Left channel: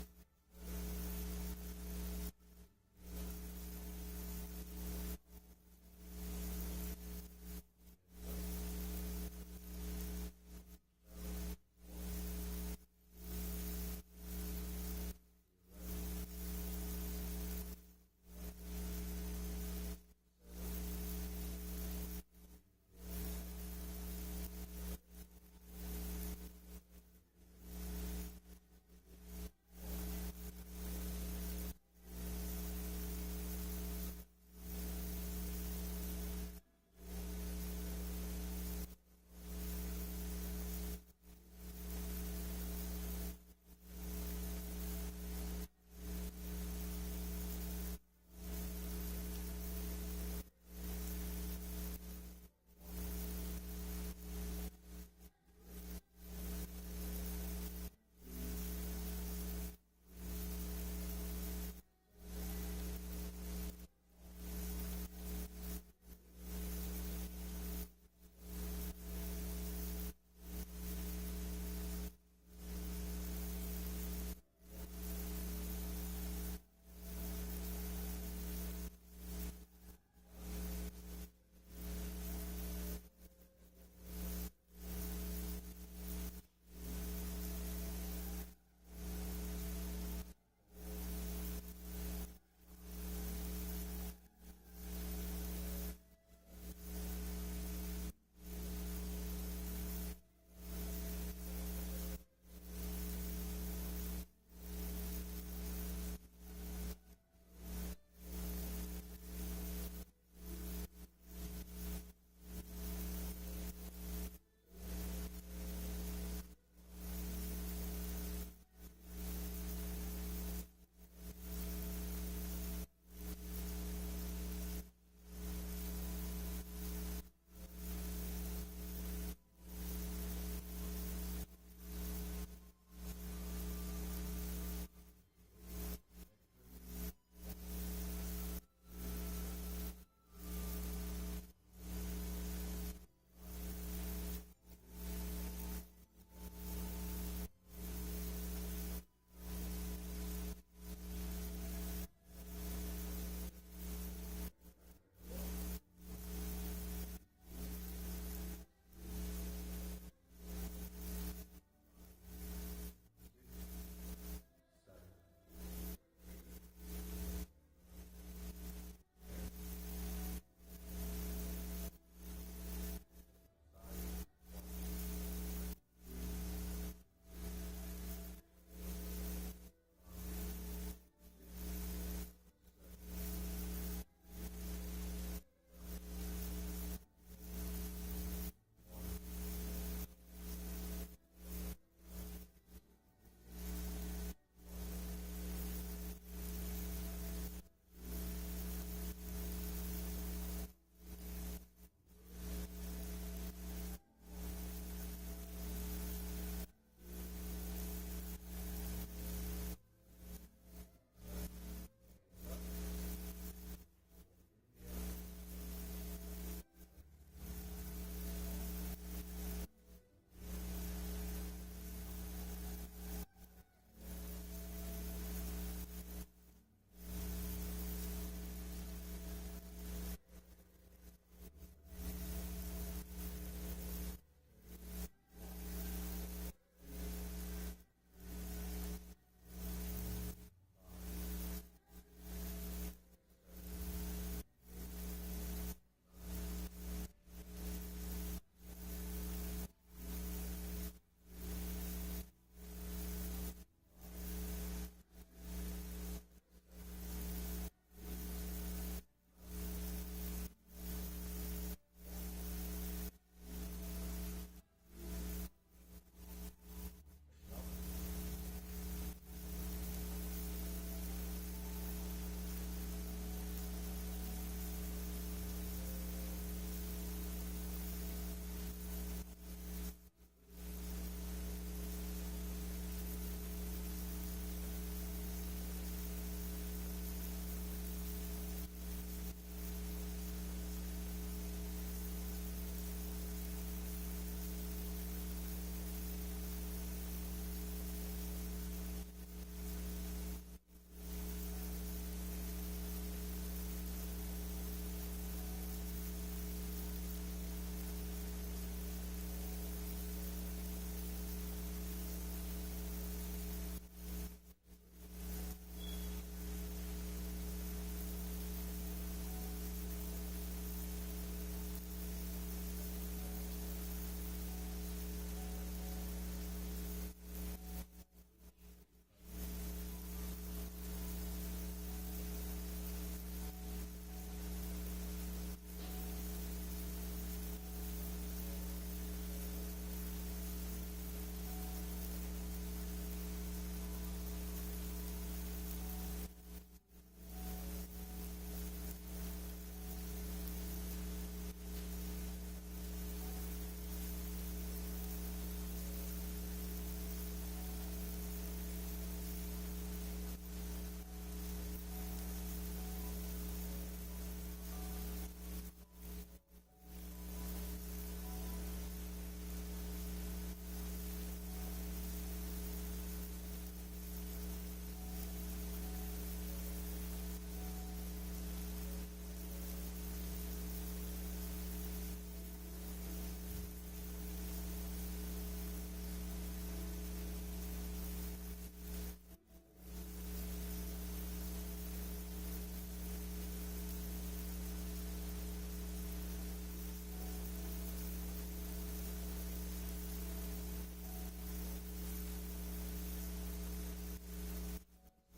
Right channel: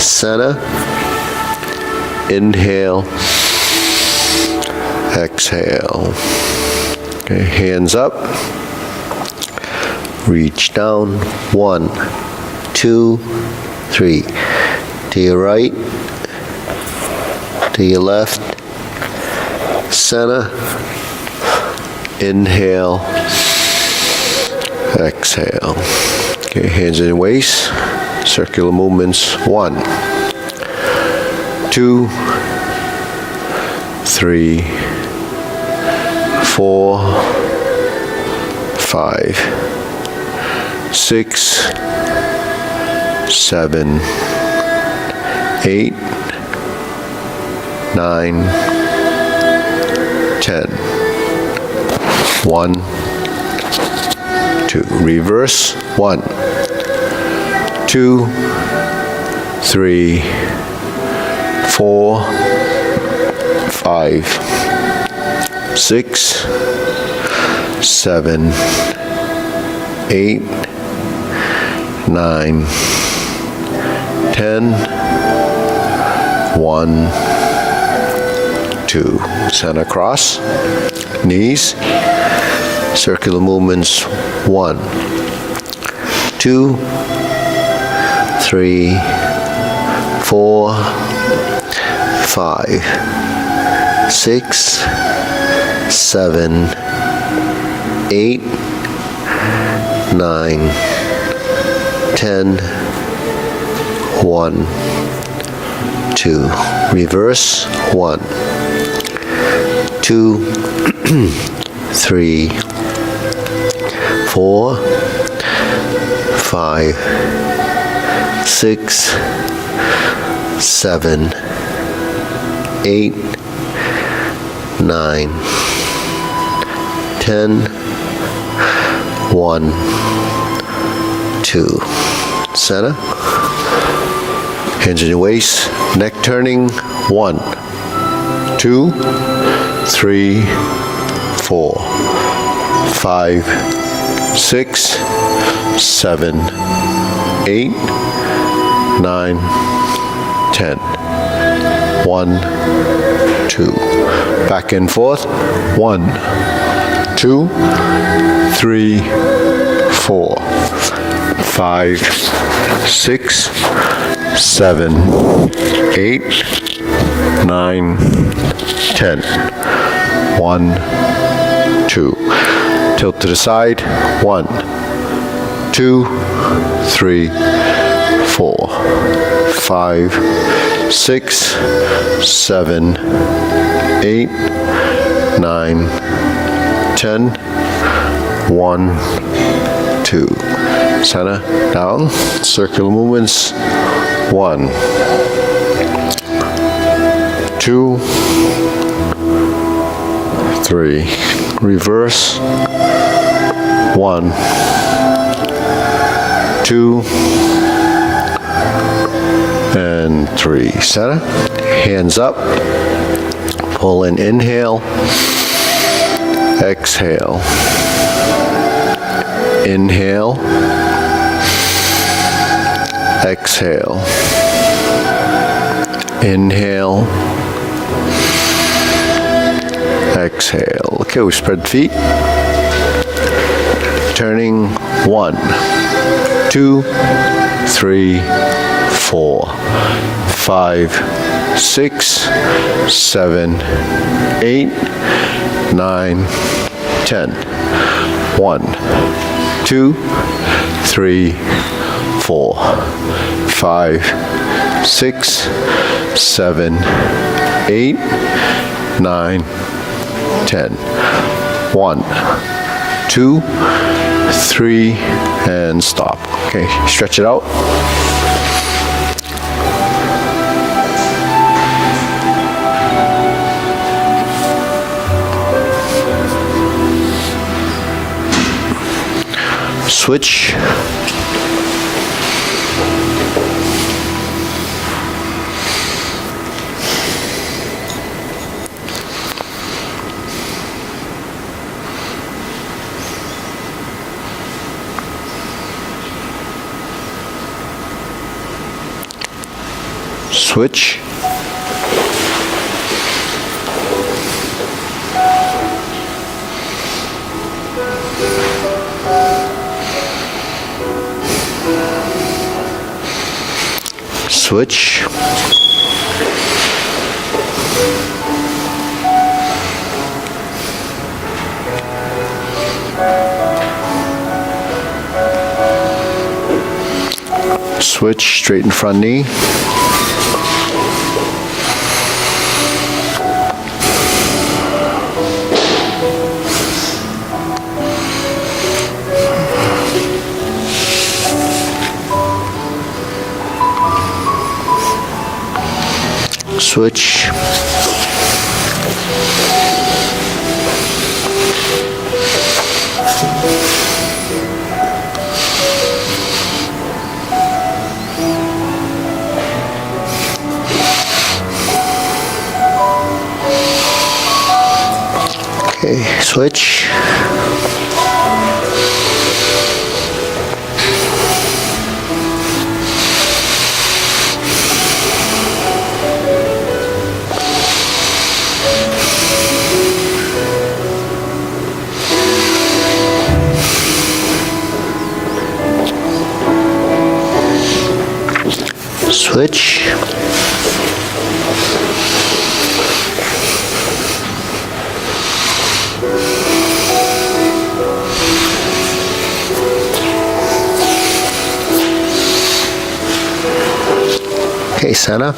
center, inhale, exhale. Okay, hands up, reach down, 1, 2, 3, to your right, to your left, center, inhale, exhale. Okay, hands in your waist, circular movements, 1, 2, 3, 4, 5, 6, 7, 8, 9, 10. 1, 2. Reverse. 1, 2, 3, 4, 5, 6, 7, 8, 9, 10. 1, 2. Center cross. Knees. Circular movements. 1, 2, 3, 4, 5, 6, 7, 8, 9, 10. 1, 2. Reverse. 1, 2, 3, 4, 5, 6, 7, 8, 9, 10. 1, 2. Center. Hands in your waist. Neck turning. 1, 2, 3, 4, 5, 6, 7, 8, 9, 10. 1, 2. Back and forth. 1, 2, 3, 4, 5, 6, 7, 8, 9, 10. 1, 2. Tilt to the side. 1, 2, 3, 4, 5, 6, 7, 8, 9, 10. 1, 2. Center, down, circular movements. 1, 2, 3. Reverse. 1, 2, and 3. Center. Hands up. Pull in, inhale. Exhale. Inhale. Exhale. Inhale. Exhale. Okay, we spread feet. Turning. 1, 2, 3, 4, 5, 6, 7, 8, 9, 10. 1, 2, 3, 4, 5, 6, 7, 8, 9, 10. 1, 2, 3, and stop. Okay, stretch it out. Switch. Switch. Switch. Switch, straighten front knee. Switch. Okay, switch. Switch. Okay, center.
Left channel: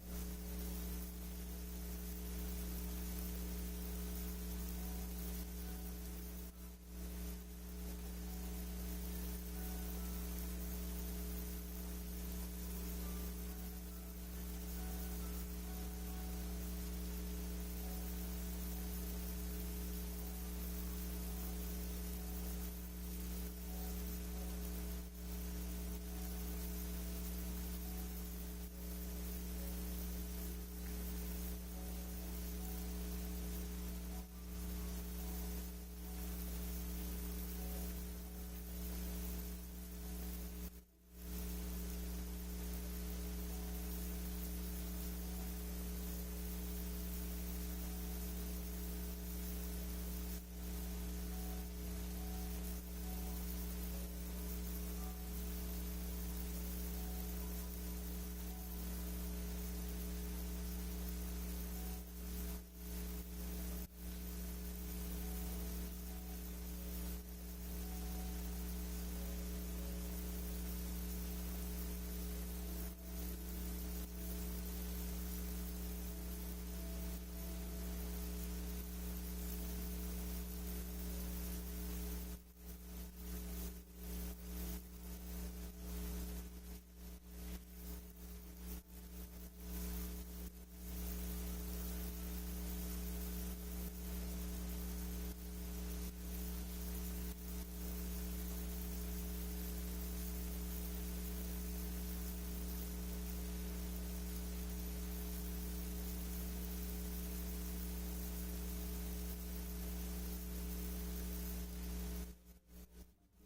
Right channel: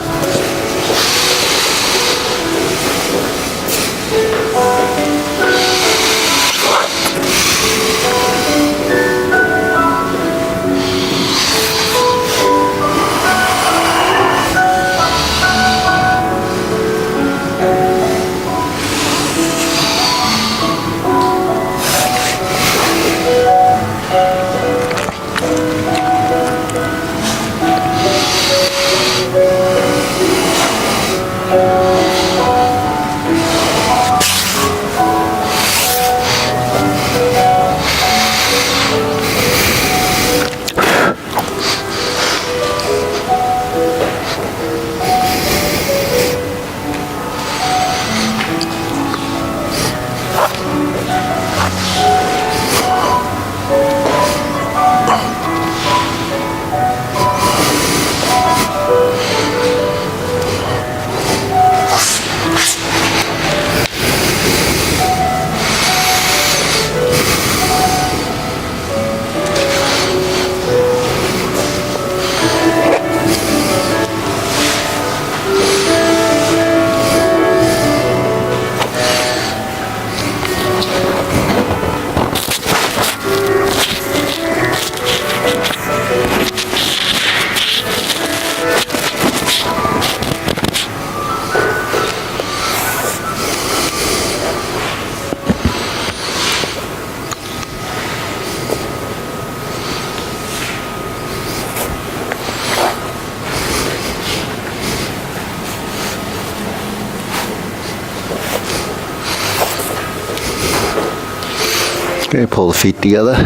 Okay, pull the feet together.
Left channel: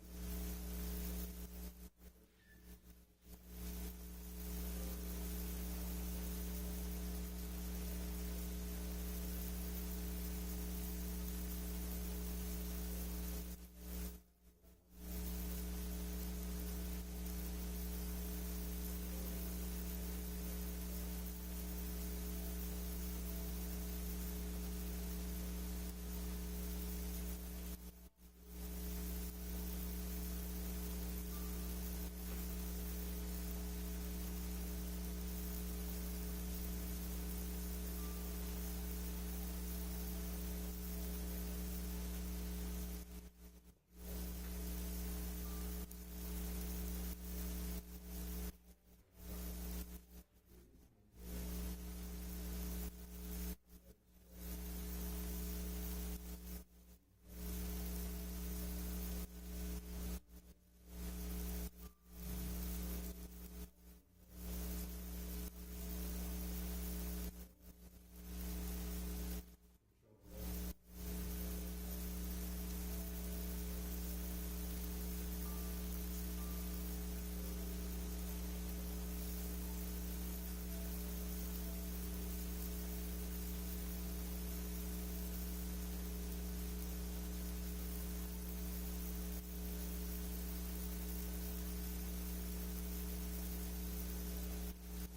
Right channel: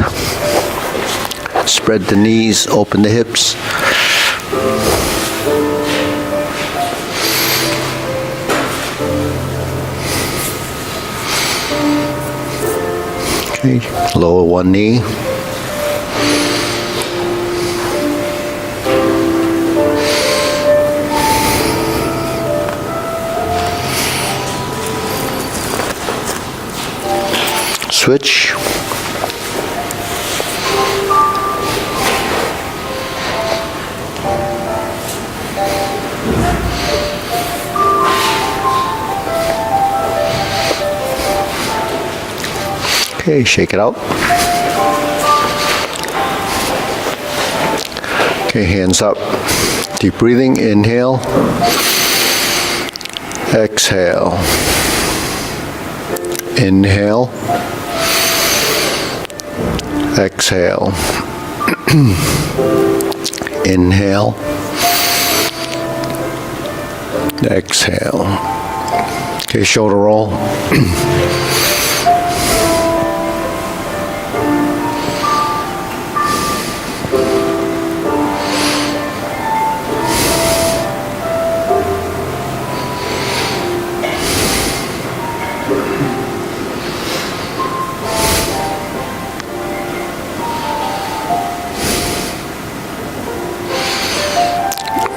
Spread the knees, open the hips. Okay, lower one knee. Switch. Okay, shake it out. Okay, hands up. Deep breathing, inhale. Exhale. Inhale. Exhale. Inhale. Exhale. Okay, shoulder roll.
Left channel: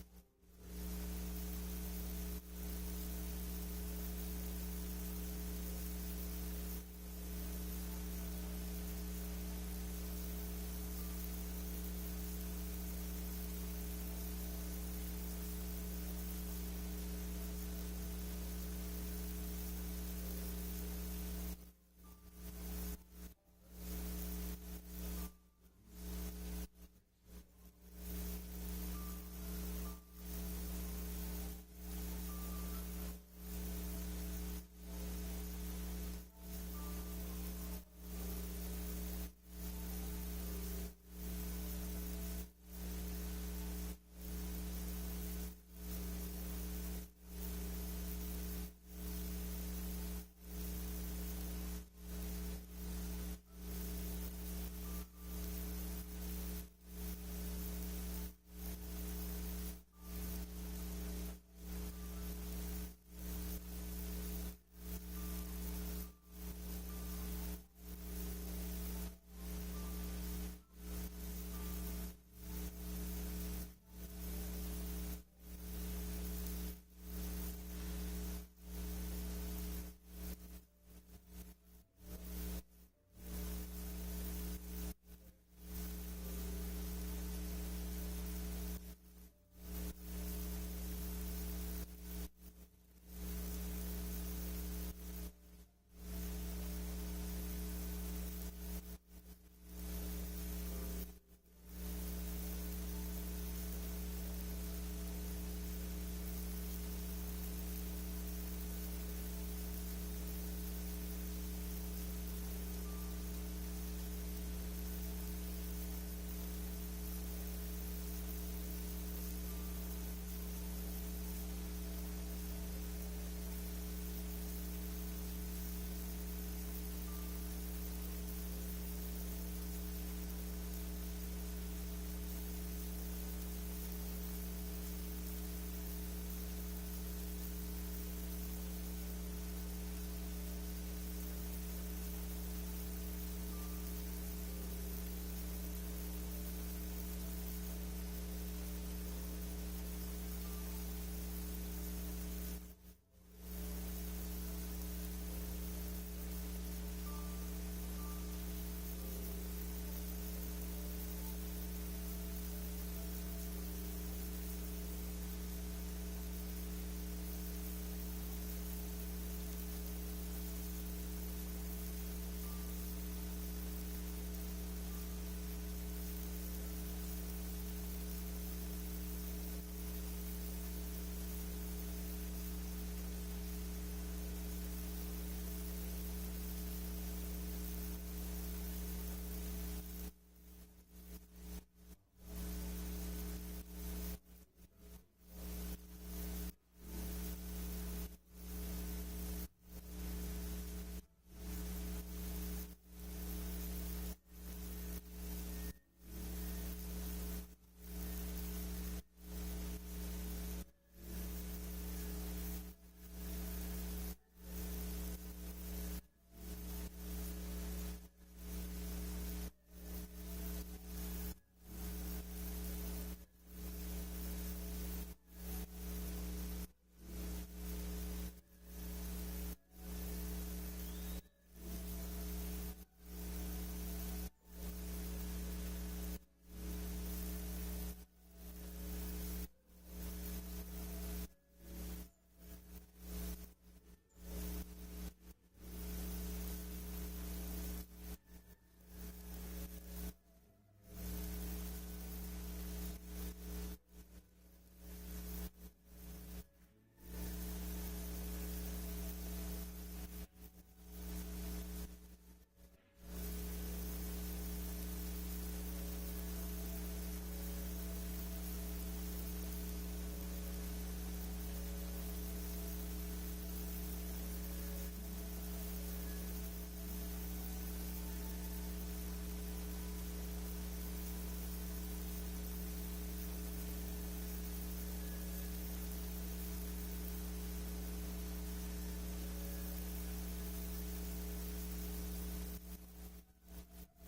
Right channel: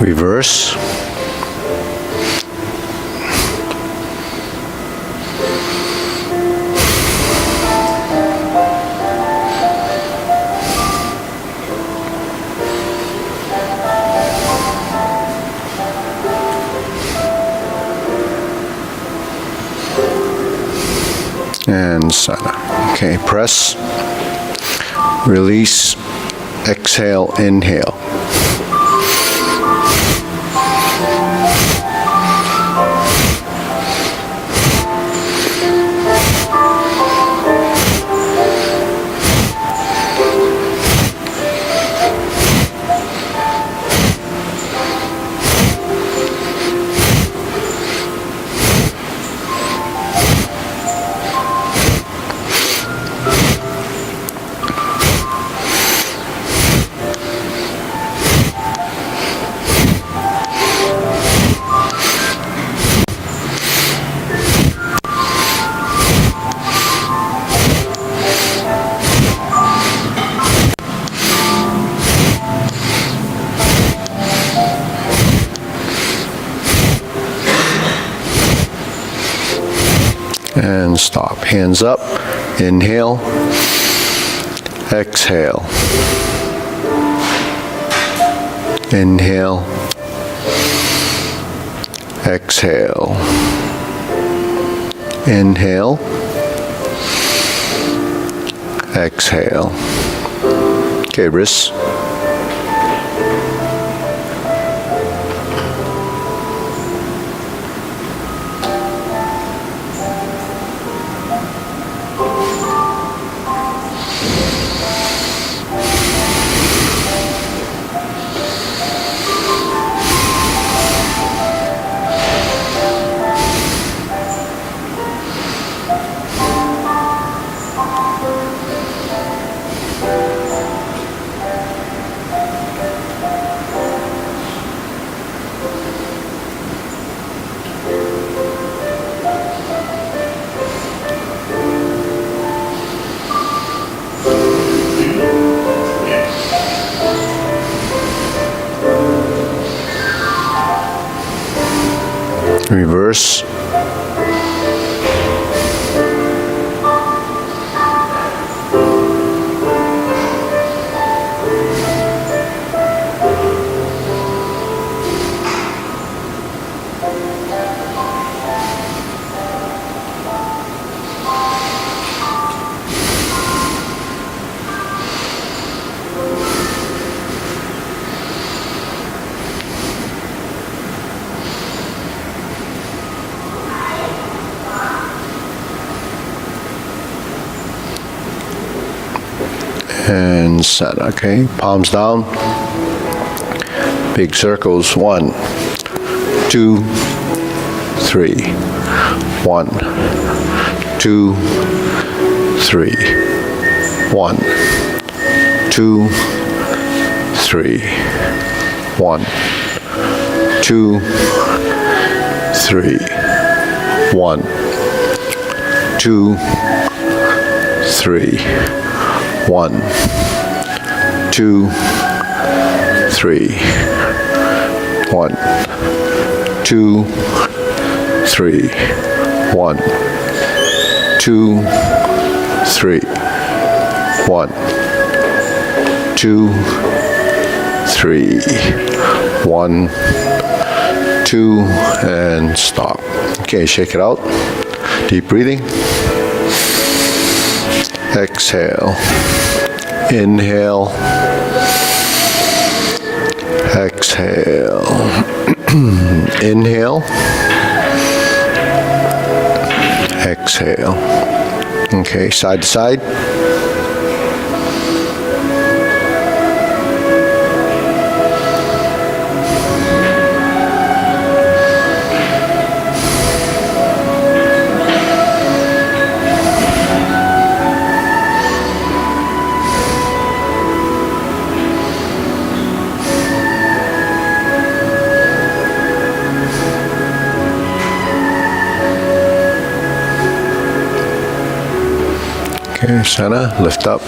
Reverse. And center. Okay, press, release, exhale, inhale. And stop. Hands up. Inhale. Exhale. Inhale. Exhale. Inhale. Exhale. Okay, wrists. Reverse. And set. Okay, palms down. Big circles. 1, 2, 3. 1, 2, 3. 1, 2, 3. 1, 2, 3. 1, 2, 3. 1, 2, 3. 1, 2, 3. 1, 2, 3. 1, 2, 3. 1, 2, and stop. Okay, shake it out. Deep breathing. Exhale. Inhale. Exhale. Inhale. Exhale. Okay, side to side. Okay, center, lift up.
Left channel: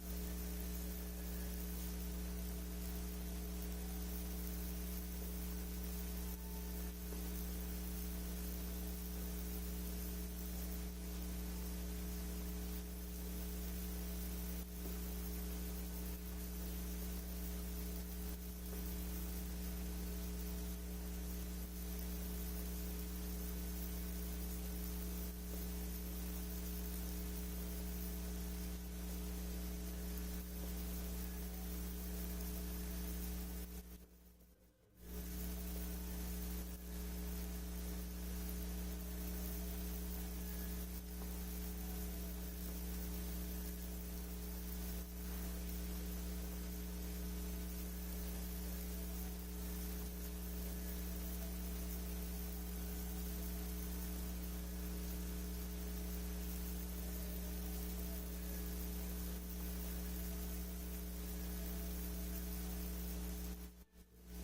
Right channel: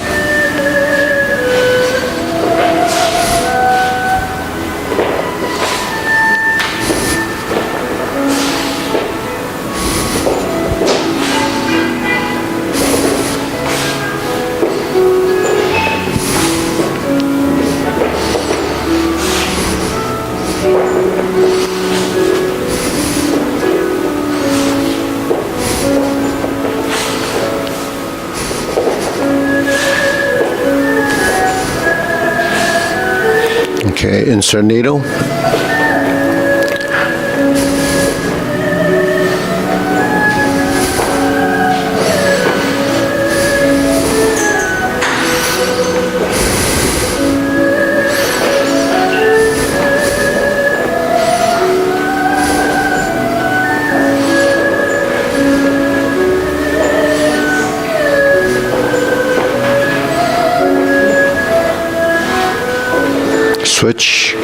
insert needle. Switch.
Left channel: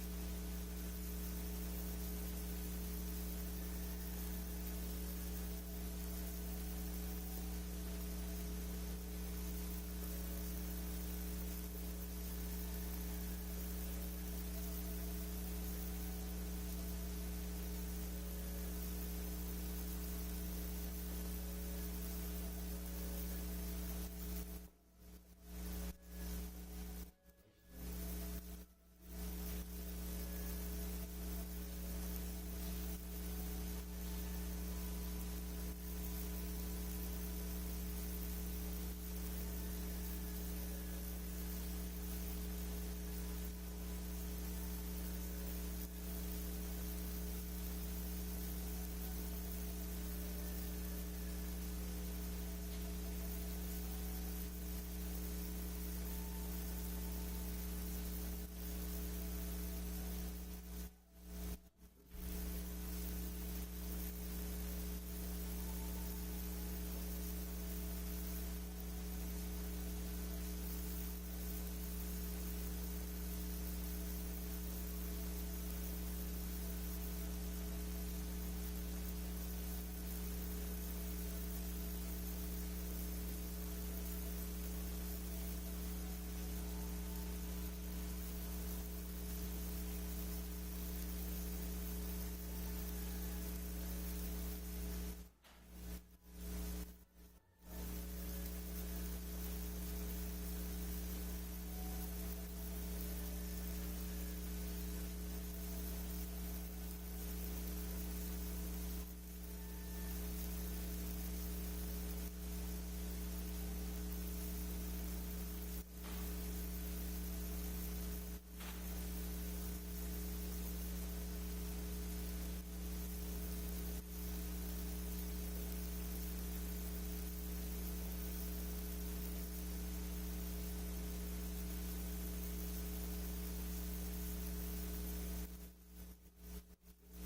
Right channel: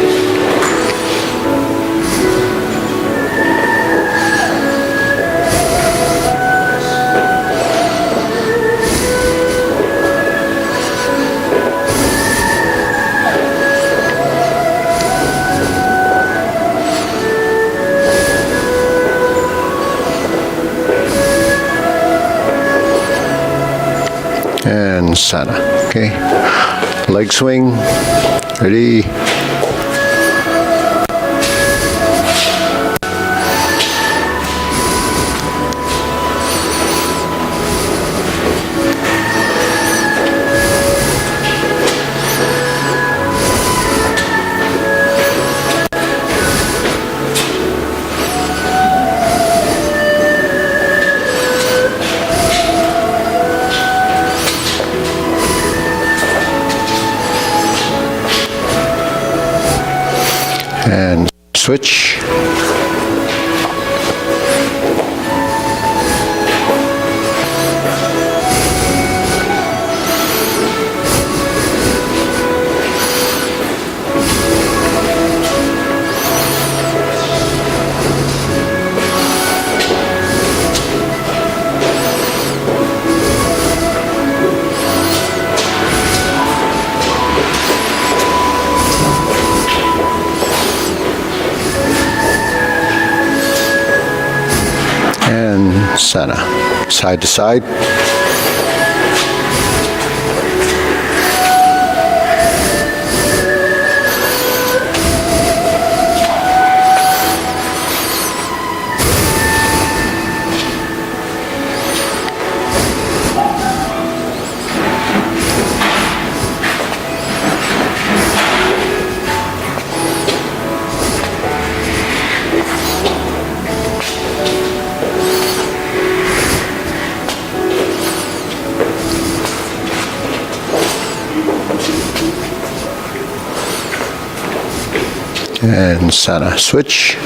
And sana. Okay. Leg swing. Ready. And switch. And sana. Side to side. And sana. Switch.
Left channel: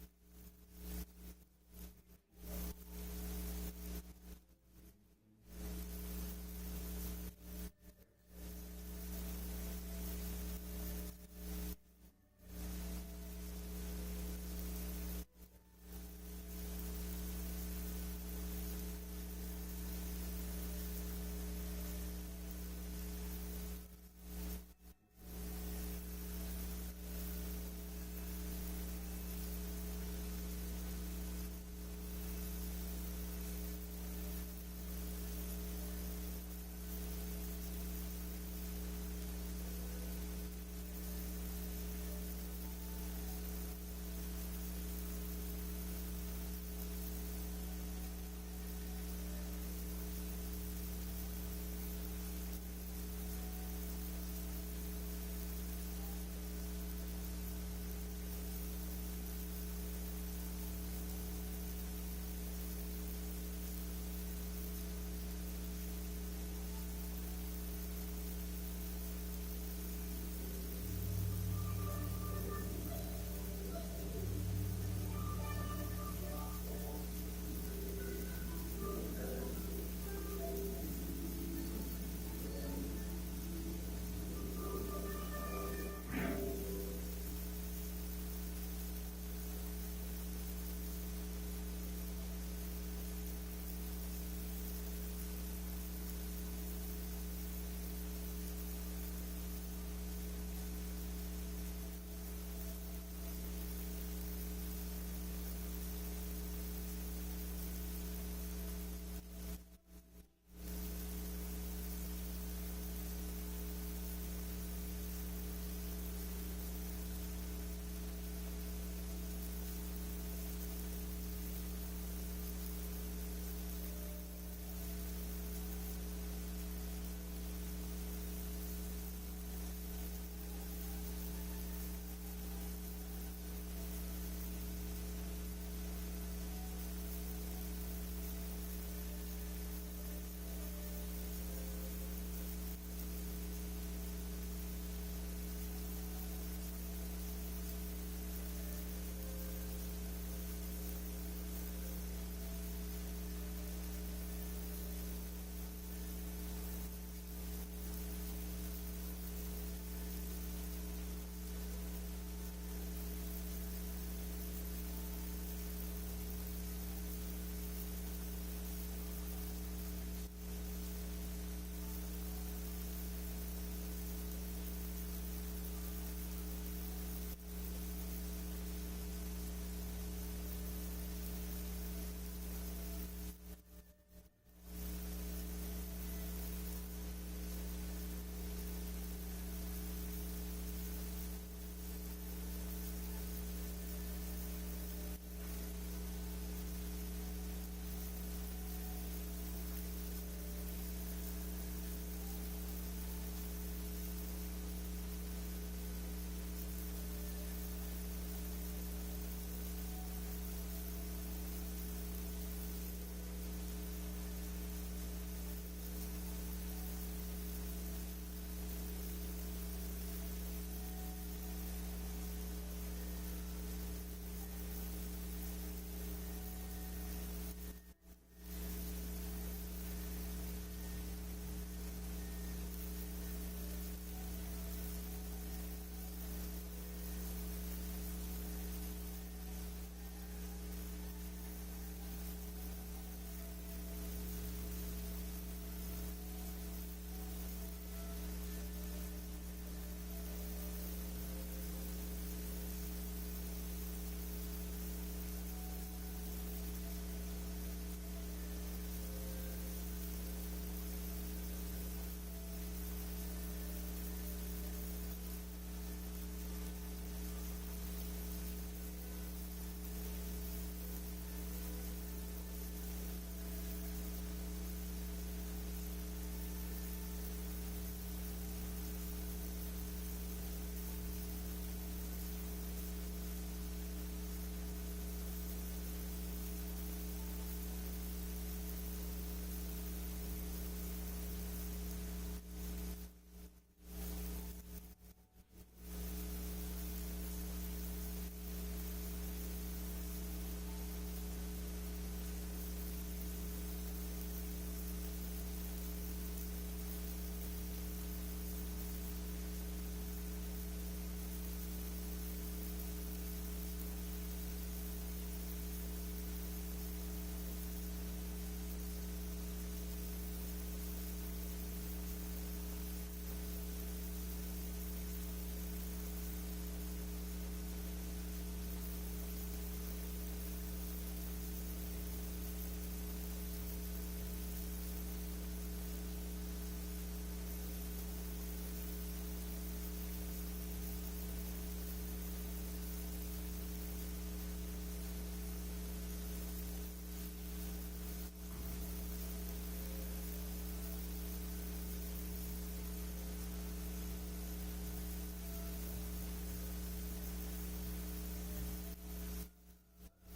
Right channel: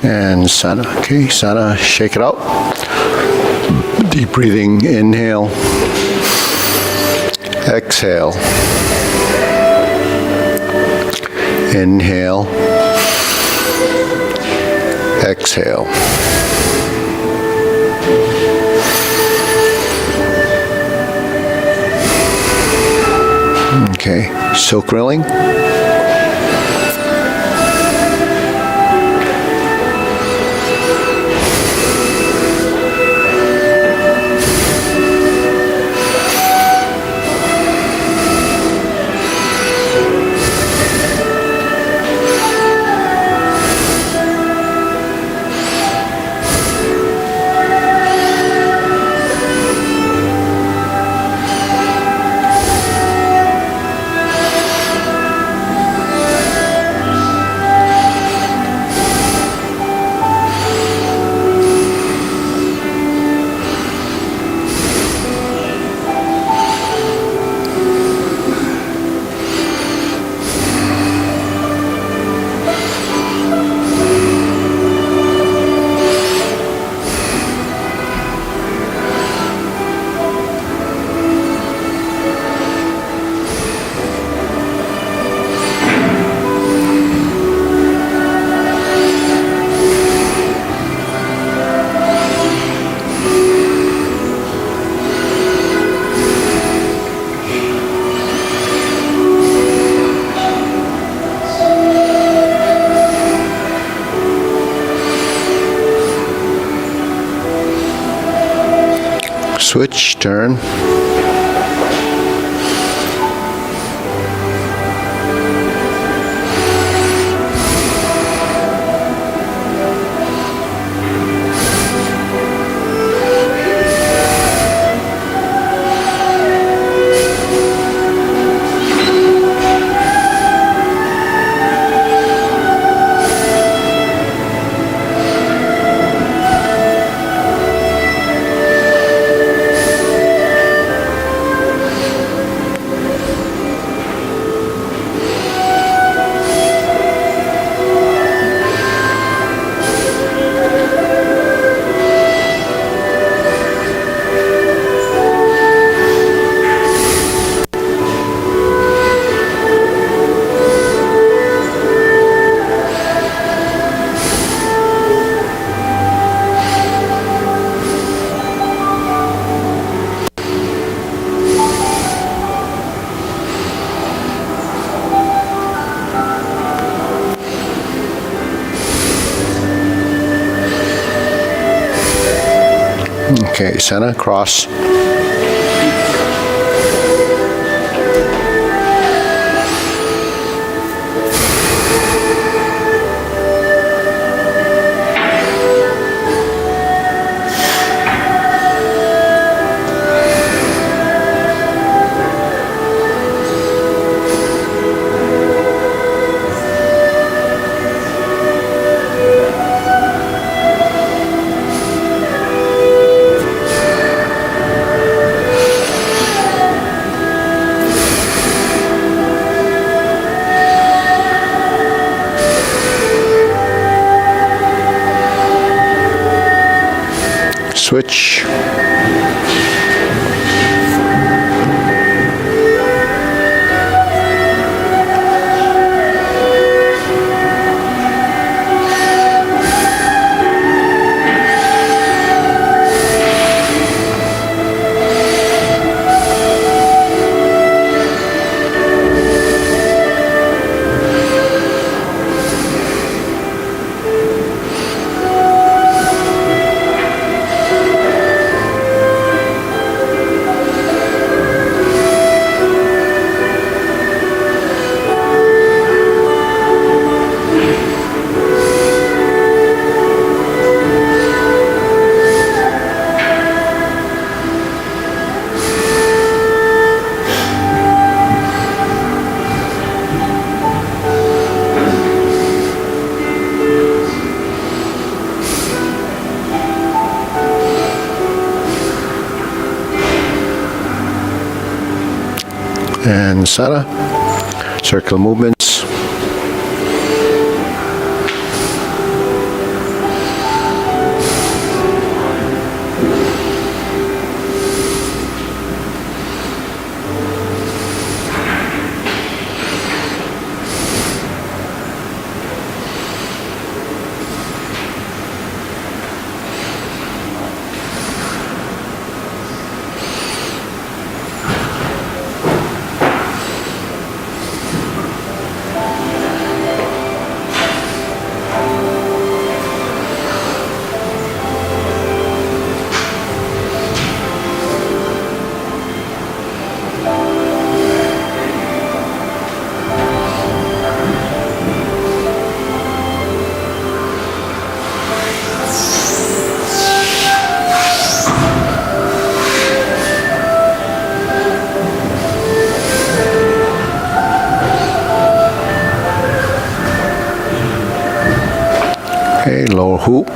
And sana. Okay, sana. Shake it out. Deep breathing. Inhale. Exhale. Inhale. Exhale. Okay, silk rilling. Switch, turn. Okay, center, cross. Switch. And Sara, circle movements. Okay, lower hoop.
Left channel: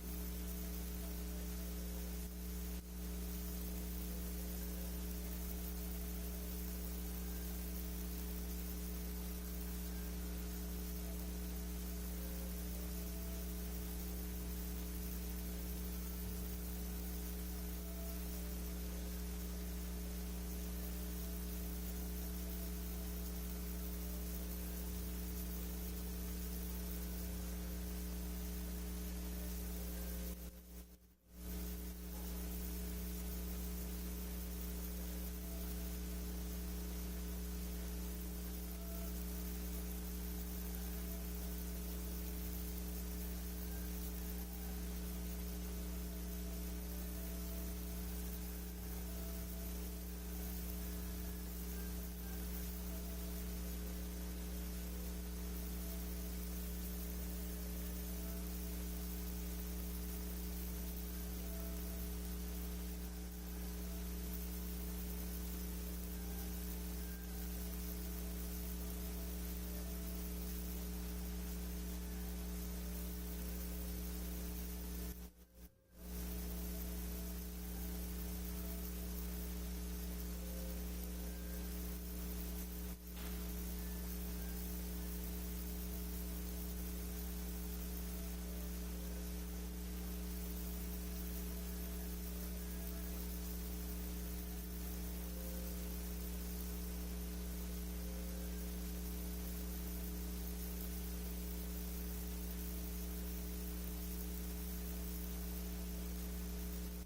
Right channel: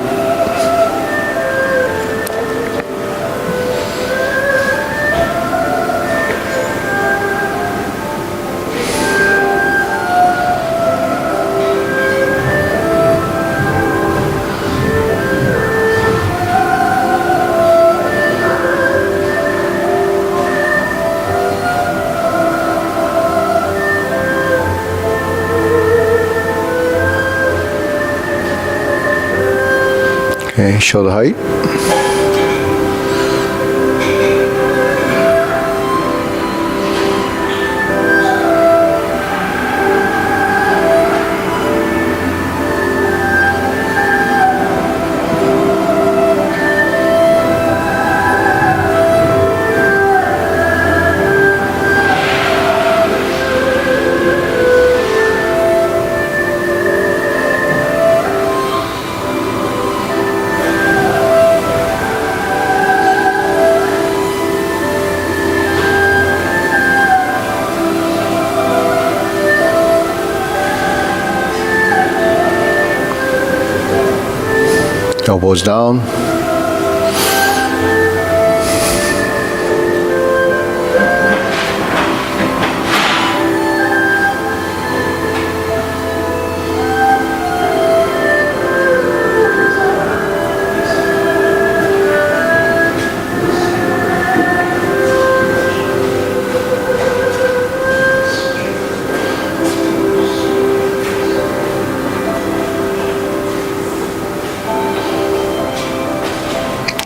Okay, shoulder height. Elbows down.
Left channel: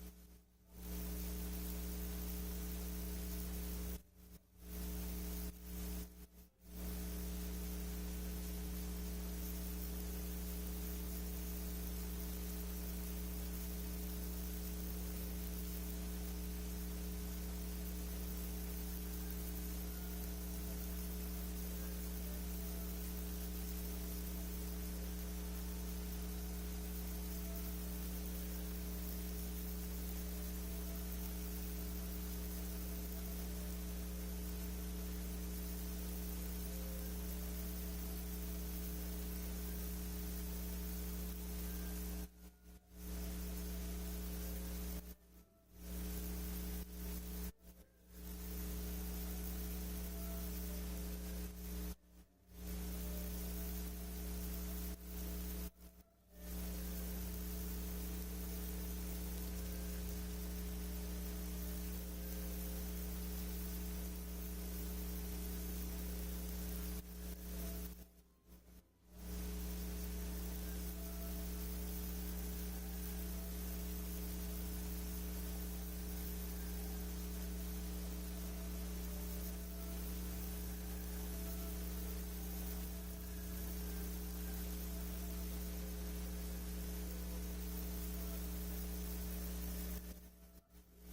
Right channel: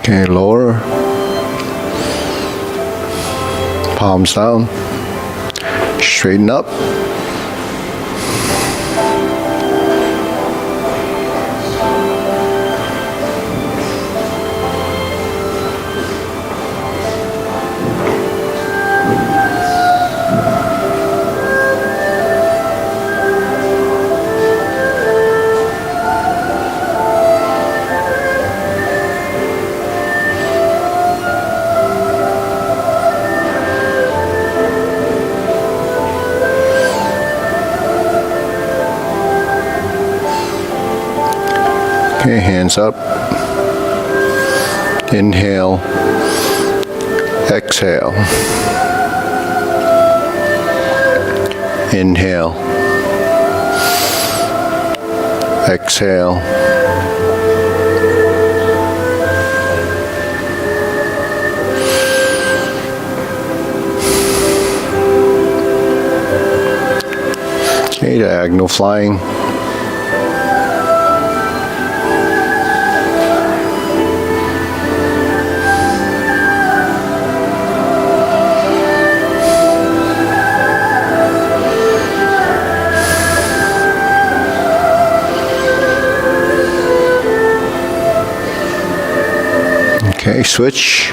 Okay, lower. Palms down. Straighten up. Okay, hands up. Inhale. Exhale. Inhale. Exhale. Okay, diagonal flying. Okay, switch.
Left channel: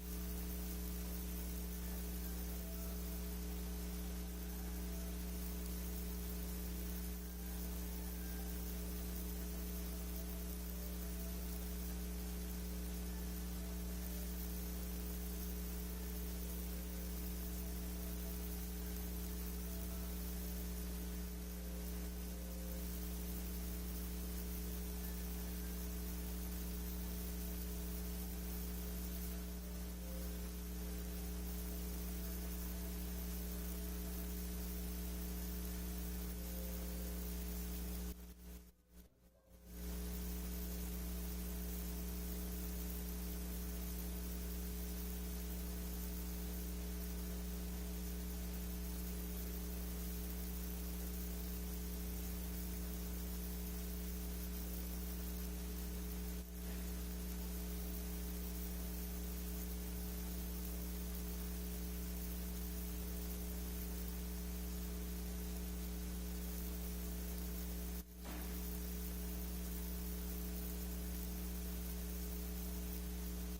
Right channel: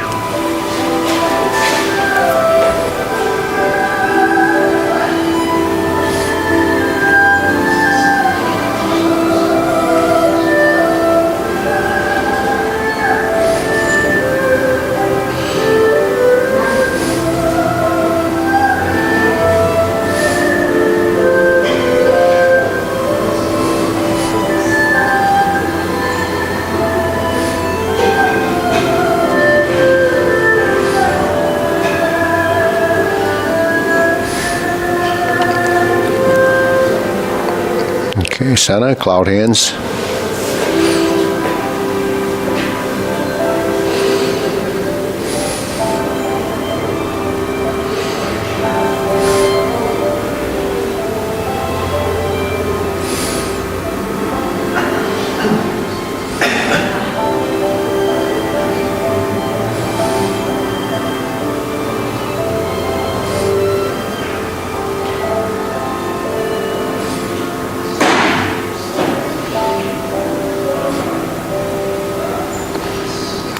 Okay, center, cloud hands.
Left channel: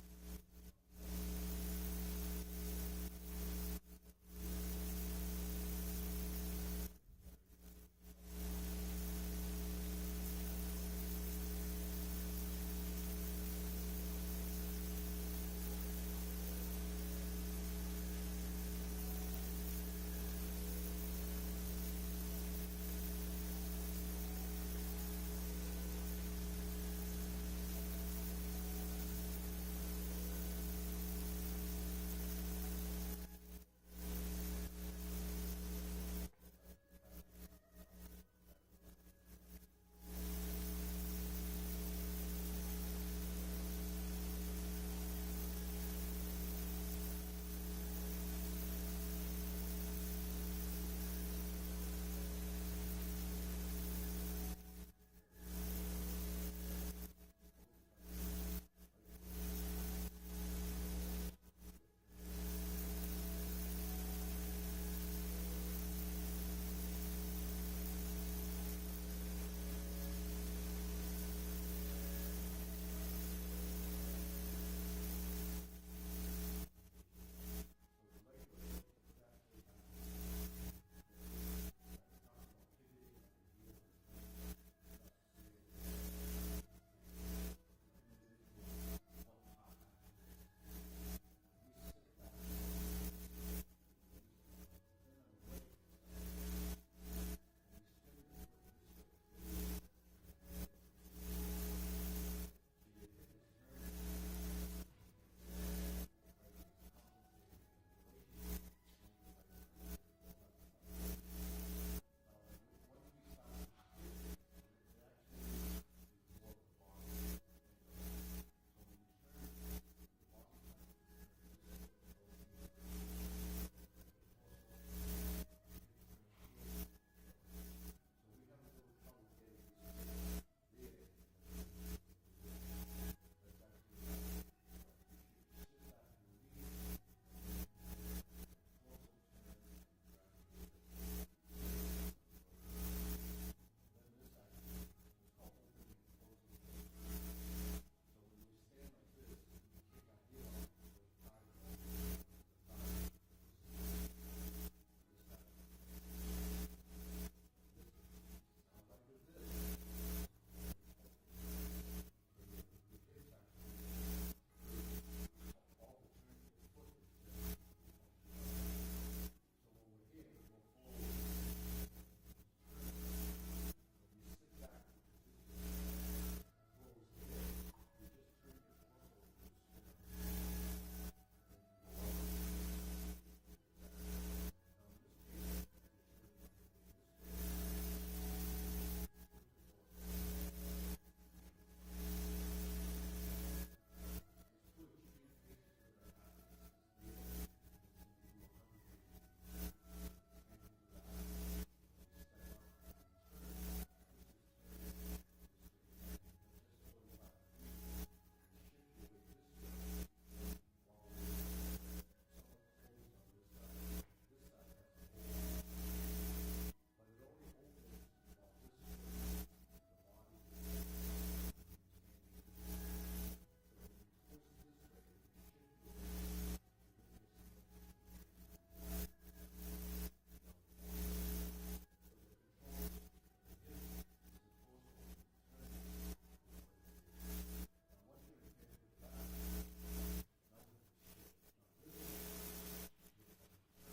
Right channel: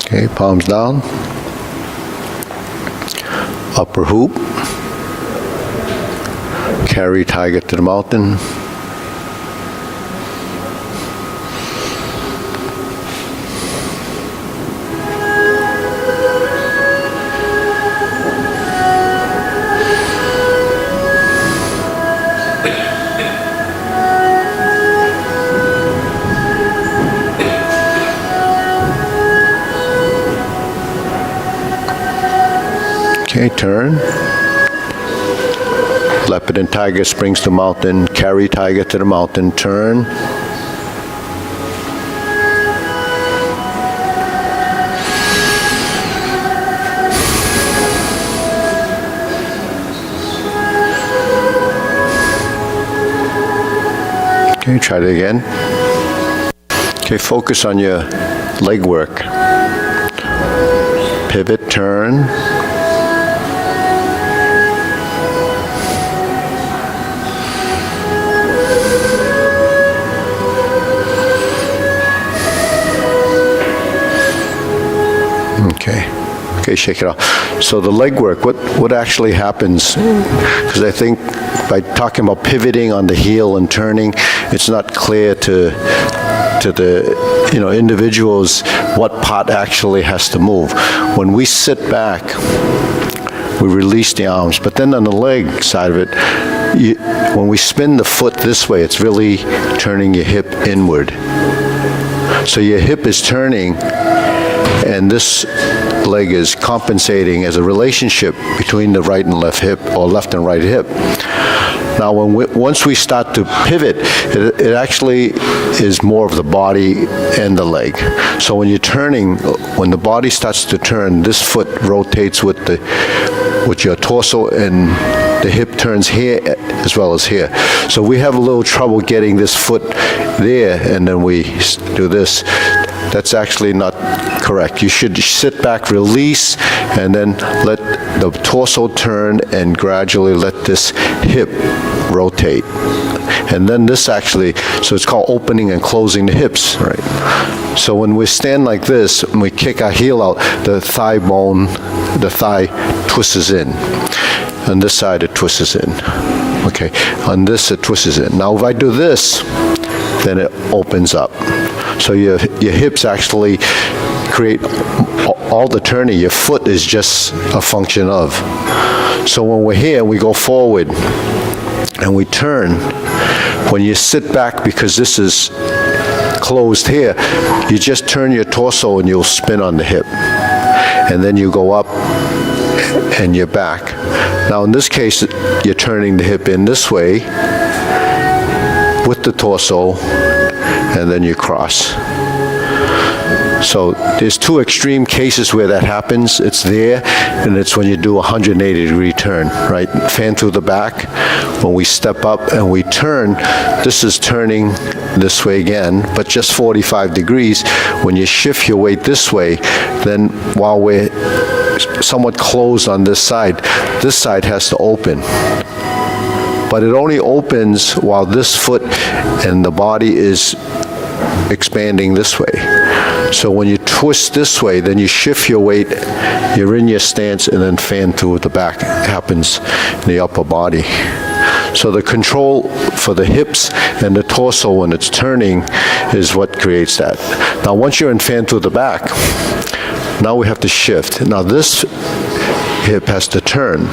Okay, palms down. Upper hoop. Carry tiger to the mountain. Okay, turn. Leopard and tiger springs to mountain. Carry tiger to the mountain. Turn. Okay, try it again. Okay, focus on your leg work. Pivot, turn. Okay, shake it off. So the leg work, what actually happens, because I think by talking about pivoting on the heel and turning, it's not clear to the individuals what part actually has to move. When we sit back, we release the arms, but then on the leg side of it, when we spin the foot this way, it's really turning your hip inward. So your hip is turning, and this leg is compensating as a relationship between the right and left hip, or left and right hip. Now, once we start to pivot, it actually is more of the body and the leg. So when you're turning, when the body starts to turn, this foot rotates with your torso, and the hip turns here as well as here. So we have a little trouble getting this foot there, and then we do this. That's actually not correct. You should sit back, release, and then let the torso turn and gradually let this hip rotate. And then this actually, so it's called opening and closing the hips, right? So when we stand like this, and we kick our heel out, the thigh bone, the thigh twists in. On this side, it twists in. Okay, on this, it twists in. Now, if I do this, then it opens up. So your hips actually create all the turning. Your foot is just a function of. So when we're here, we go forward and we turn. When you sit back, because this is closed here, you just turn your torso and you'll spin on the hip. And then you go up and you're back. Now in this case, you're turning the hip in this way with the torso, and then you cross. So there's two extreme cases where that happens. It's there, and it's when you do a 180-degree turn, right? Fan through the back. When we step up and we turn, this is turning this way again, but just 45 degrees. When you shift your weight this way, then while we're somewhat closed on this side has to open. But it only opens while this foot and the body is expanding this way. So when you twist this way, then you shift your weight, you're in your stance, and then fan through the back happens in the upper body. So the control for the hips and the torso when it's turning is what creates that. Now once you're in fan through the back, now we have to shift. Now this hip has to turn,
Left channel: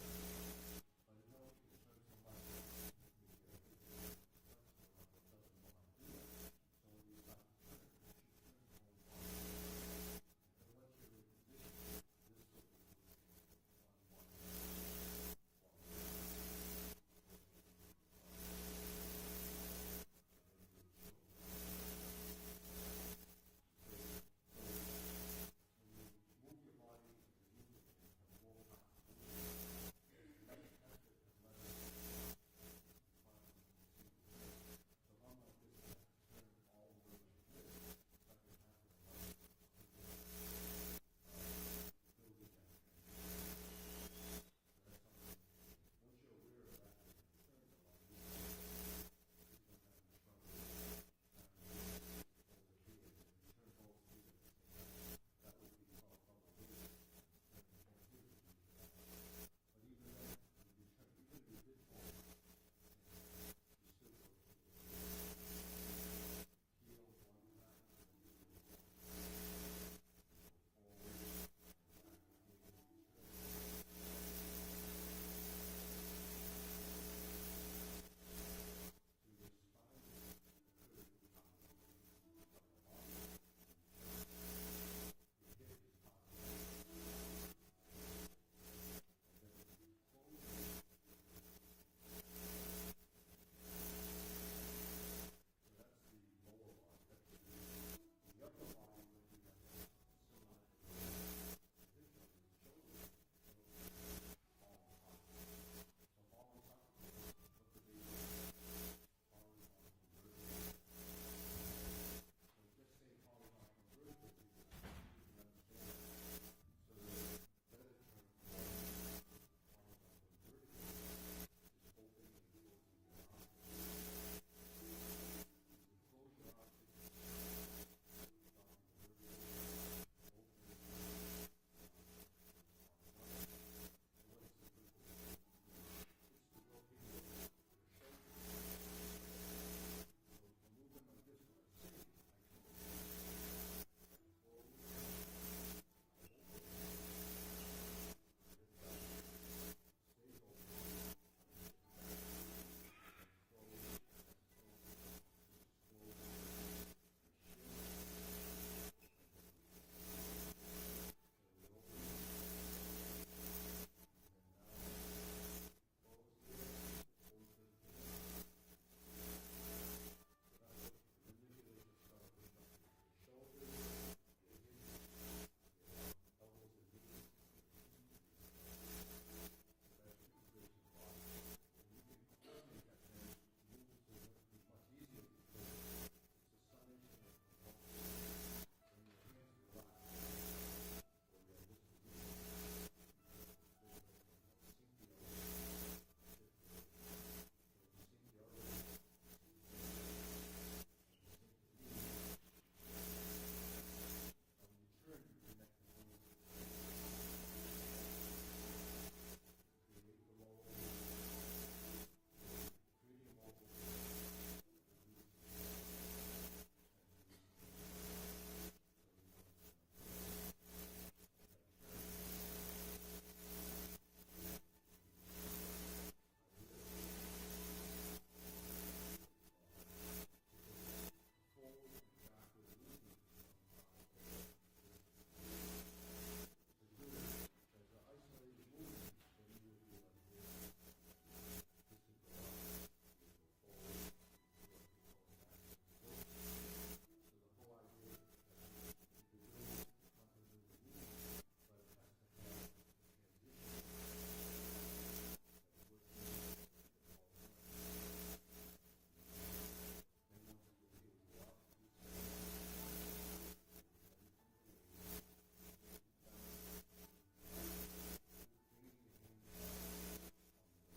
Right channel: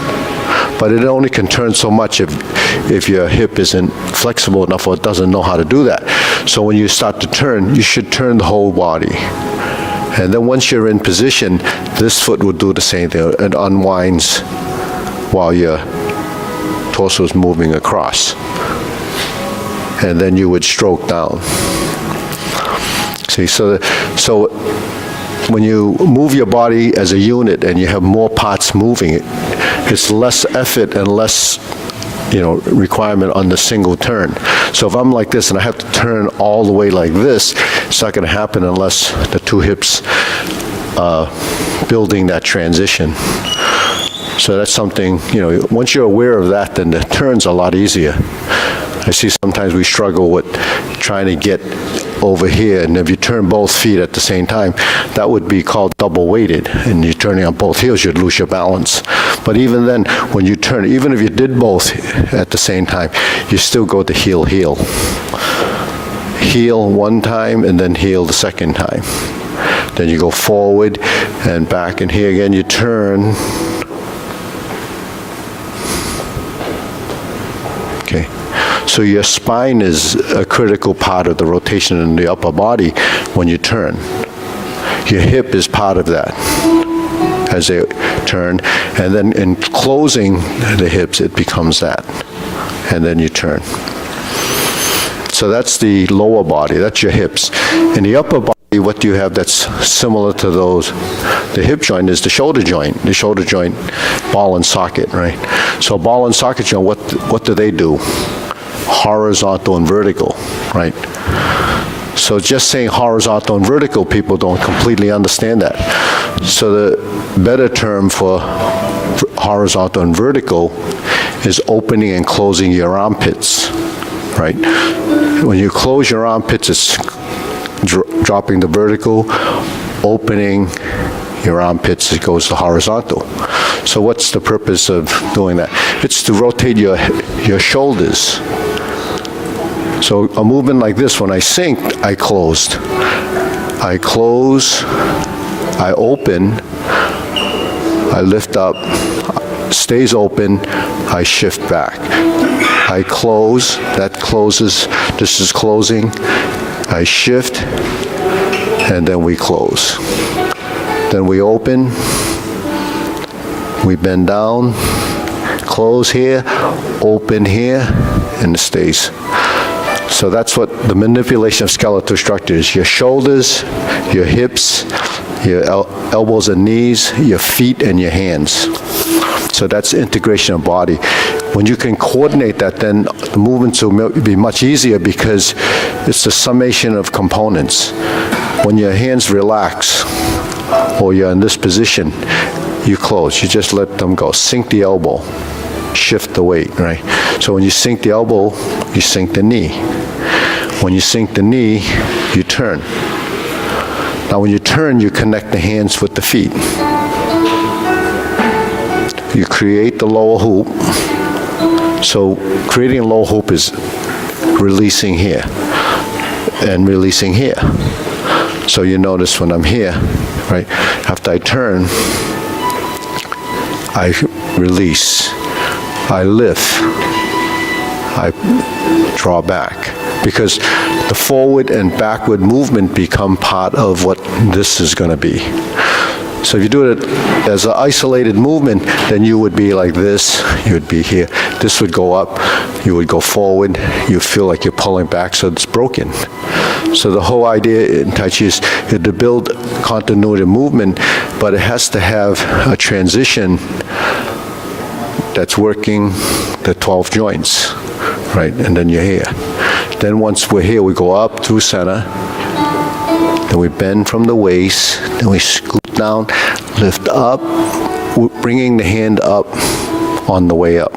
but it only can turn so much if your hip isn't flexible enough or it doesn't know how to do that. So when you start to turn, you should turn the whole body. And then once you're in position, this foot will do the same thing. It unwinds while your torso is moving across. And then you would stroke down. See, so when you move your body as a unit and you have more parts moving, it's less effort and less requirement on the single turn. So if I'm like this and I have to turn all the way like this, it's not going to happen unless the two hips building that transition. So that's something, once you're aware of that, then the turn's a lot easier. I see sometimes we struggle with trying to get over here, and if you turn both feet at the same time, that would be called double weighted, and you're turning on both heels, you'd lose your balance. But even then, when you turn, even if you did both at the same time, you still go to heel, heel. Heel one time, and then heel the second time. Then you go forward and back, and here again you turn. Okay. So your spine is a critical part of the rotation in the upper body when you turn. Your hip is part of that as they turn. And then in closing the hips, it becomes that. And then you turn. So that's the lower body, that's your hips. In the upper body, what do you have that's similar to those? The hip joint is the shoulder joint. The shoulder joint, ball and socket, right? So ball and socket joint, what do they do? Horizontal and vertical, right? So just saying horizontal and vertical, people don't completely understand that. So the better term for horizontal and vertical is opening and closing your armpits, right? When you close your armpits, it's dropping the vertical, opening your armpits, it goes to horizontal. So what's the purpose of doing that? It's to rotate your shoulders. So a movement like this, when I sink, I closed. I close, I open, I lift up, stays open, I shift back. I close, that closes, this is closing, I shift, and then we close. Then we open, we bend down, close here, open here, and it stays. So that's what the manipulation of skeletal structure is. Your shoulders, your hips, your elbows and knees, your feet, and your hands. So that's integration of body. When you can coordinate that, then the movements will be much easier because it's the summation of components. When your hands relax, or you're in this position, you close. You just let them go. Sink the elbow. Shift the weight, right? So when you sink the elbow, you sink the knee. When you sink the knee, you turn. Now when you turn, you connect the hands with the feet. You create the lower hoop. So creating a lower hoop is releasing here and releasing here. So you notice when I'm here, right, after I turn, I release, I lift, I draw back. Because the forward and backward movement become part of what this is going to be. So if you do it as an isolated movement, then you would be like this, you would be here. This would go up, you would go forward, you feel like you're pulling back, so it's broken. So the whole idea in Tai Chi is to build continuity of movement, but it has to have a transition that's working the 12 joints, right? And then you're here. Then once we're here, we go up through center, then we bend from the waist, then we scoot down, lift up, bringing the hand up on the way up.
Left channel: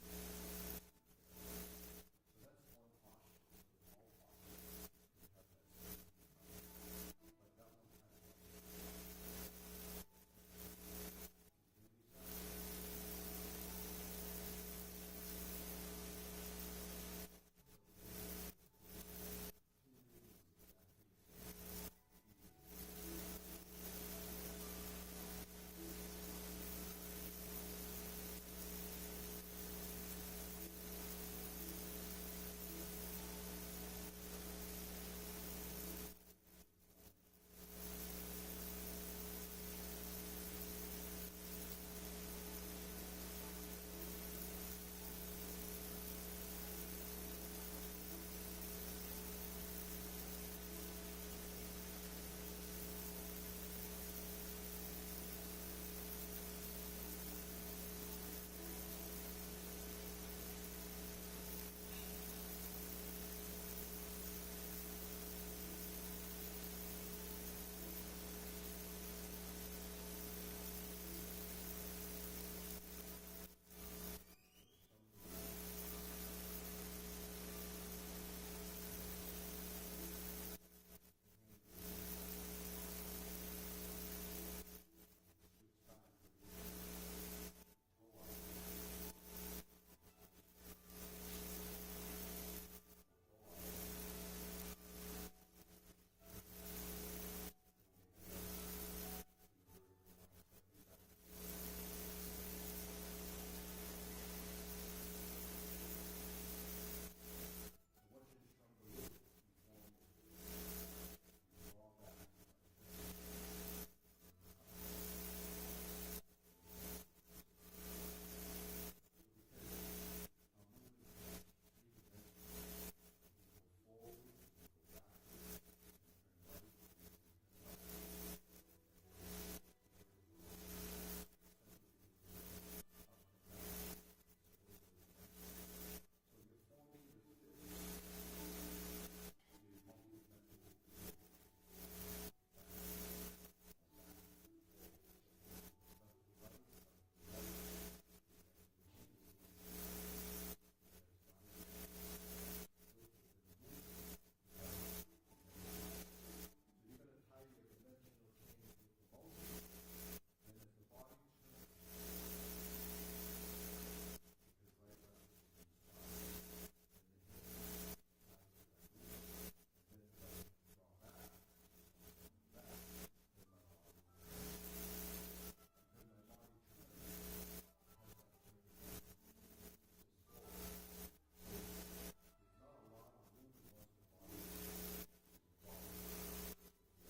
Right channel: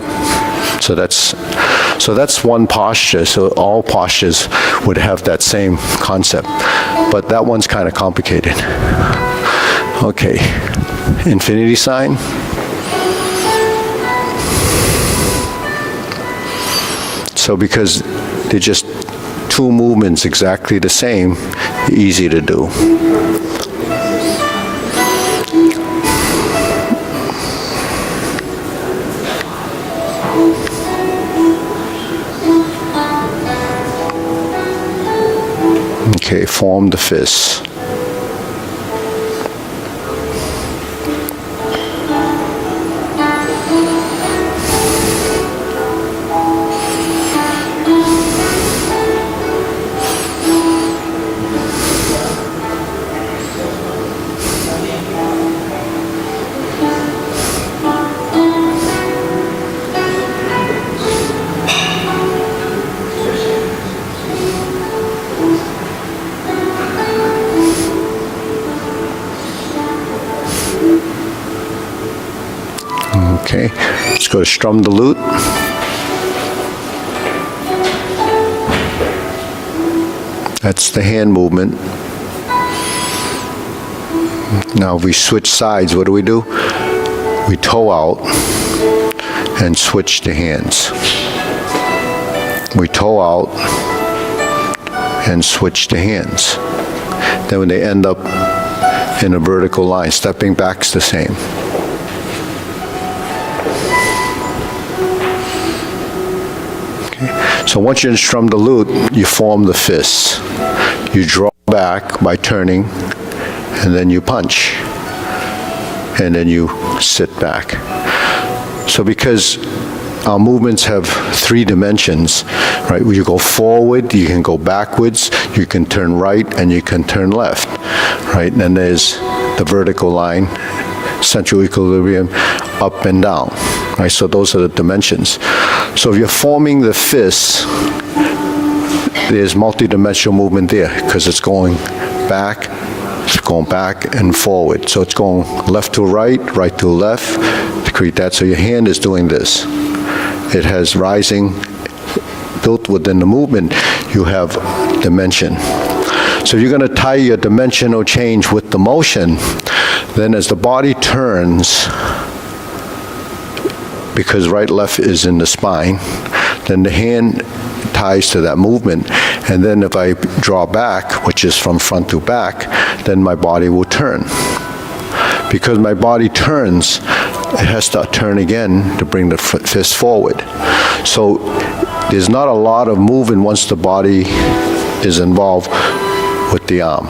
So that's one posture. So all postures would have that same concept, but that one's kind of complicated. Okay, infinity sign. So because they're just two movements exactly the same, easy to do. Okay, form the fists. Okay, let's go to strum the lute. That's the hand movement. Now if we switch sides, what do? We toe out and switch the hands. We toe out and switch the hands. Then when they end up in a vertical line, stepping back's the same. So once you strum the lute, you form the fists. You draw back by turning, and then you punch, and then you sit back. So because our movements have 3 dimensions, right? You go forward, you can go backwards, you can turn right, and you can turn left, right? And then there's the vertical line, central equilibrium, up and down, right? So those are the dimensions. So if you're forming the fists, there's multi-dimensional movement there because it's going back and forward. So it's going left to right, right to left to create that. So your hand is doing this. It has rising, built within the movement, you have dimension. So you're going to tie your dimensional change with the motion, then as the body turns, because right, left is in the spine, then the hand ties to that movement. And then if I draw back, which is from front to back, then my body will turn. Because my body turns, it has to turn again to bring the fist forward. So there's not a lot of movement once the body is involved with the arm.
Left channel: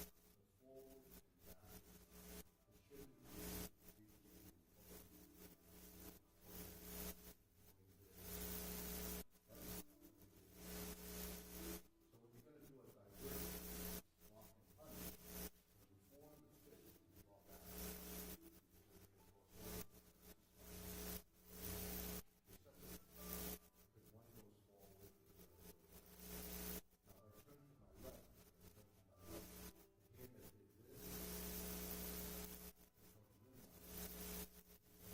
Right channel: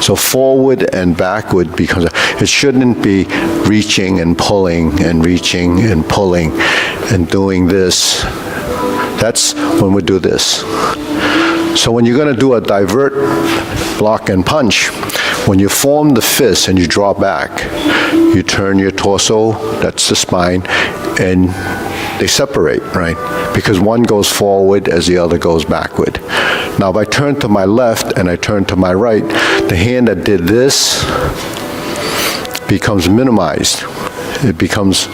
So forward and backward becomes, it shouldn't be reaching and pulling and reaching and pulling and doing this. That's when we do this. So when you're going to do a divert, block, and punch, when you form the fist and you draw back, you turn your torso, that's the spine, and they separate, right? Because one goes forward as the other goes backward. Now, if I turn to my left and I turn to my right, the hand that did this becomes minimized. It becomes